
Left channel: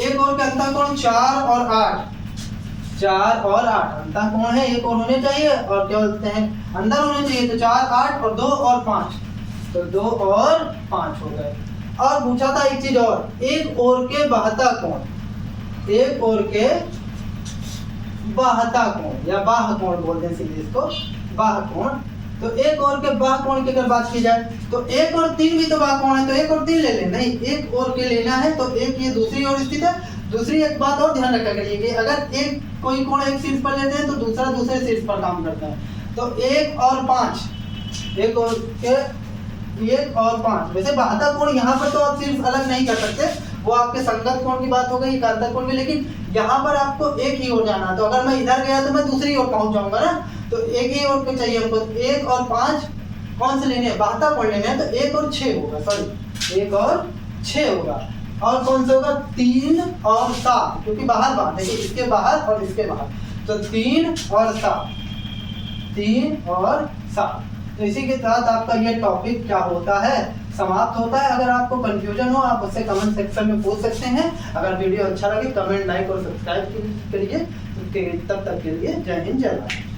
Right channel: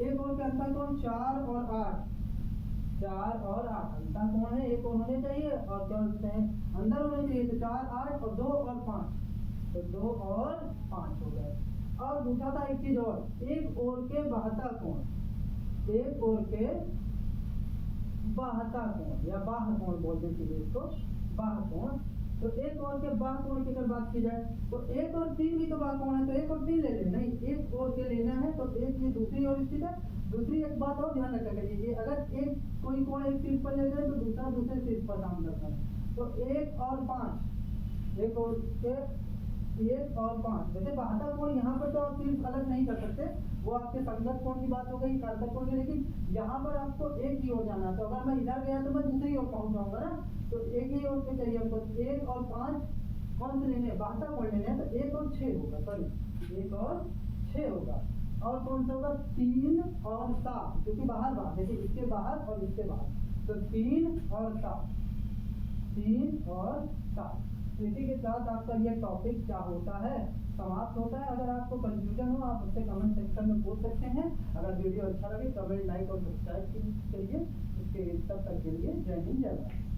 एक ओर के अंतःकोण 4 और 8, 4 और 8 अंतःकोण है, एक ओर होने चाहिए और क्या बोलते हैं अंदर होने चाहिए, तो 4 8 और 2 और 5, तो 2 और 5 हो गए। और पूछा था एक चीज और, एक ओर के बाह्य कोण, एक ओर के बाह्य कोण या बाह्य कोण बोलते हैं सीधे इसको, बाह्य कोण। तो एक और के बाह्य कोण की अगर बात की जाए तो 1 और 3 भी तो बाह्य कोण है, तो 1 और 3 ले लें, नहीं एक और के लेना है, तो एक ये दूसरी ओर स्थित है। दूसरी एक बात और ध्यान रखा करिए कि अगर एक कोई कोण एक शीर्ष पर लेते हैं तो दूसरा दूसरे शीर्ष पर काम करता है। तो 1 और 5, एक और के 1 और 5, वैसे बाह्य कोण यहाँ पर तो आप शीर्ष अलग नहीं कर सकते, वो आपके संगत कोण की बात हो गई, एकांतर कोण की, लेकिन यहाँ पर आपको एक ही ओर जाना है। तो अगर मैं इधर गया तो मैं दूसरी ओर पहुंच जाऊंगा ना, तो एक ही ओर पे चाहिए हमको। 1 और 5 कौन से लेने हैं? बाह्य कोण लेने हैं, तो 1 और 6 होगा, सॉरी 1 और 6 होगा। और कौन सा होगा? 3 और 7, क्योंकि बाहर बात देखिए, इसके बाहर और इसके बाहर, तो 3 और 7, 3 और 7। तो इसी के साथ आपका ये टॉपिक क्या होता है, समाप्त होता है। अगर आपको कंफ्यूजन हो आप उससे कमेंट सेक्शन में पूछ सकते हैं। अगर वीडियो अच्छा लगे कमेंट, लाइक और सब्सक्राइब करिए। तब तक के लिए जय हिंद, जय भारत।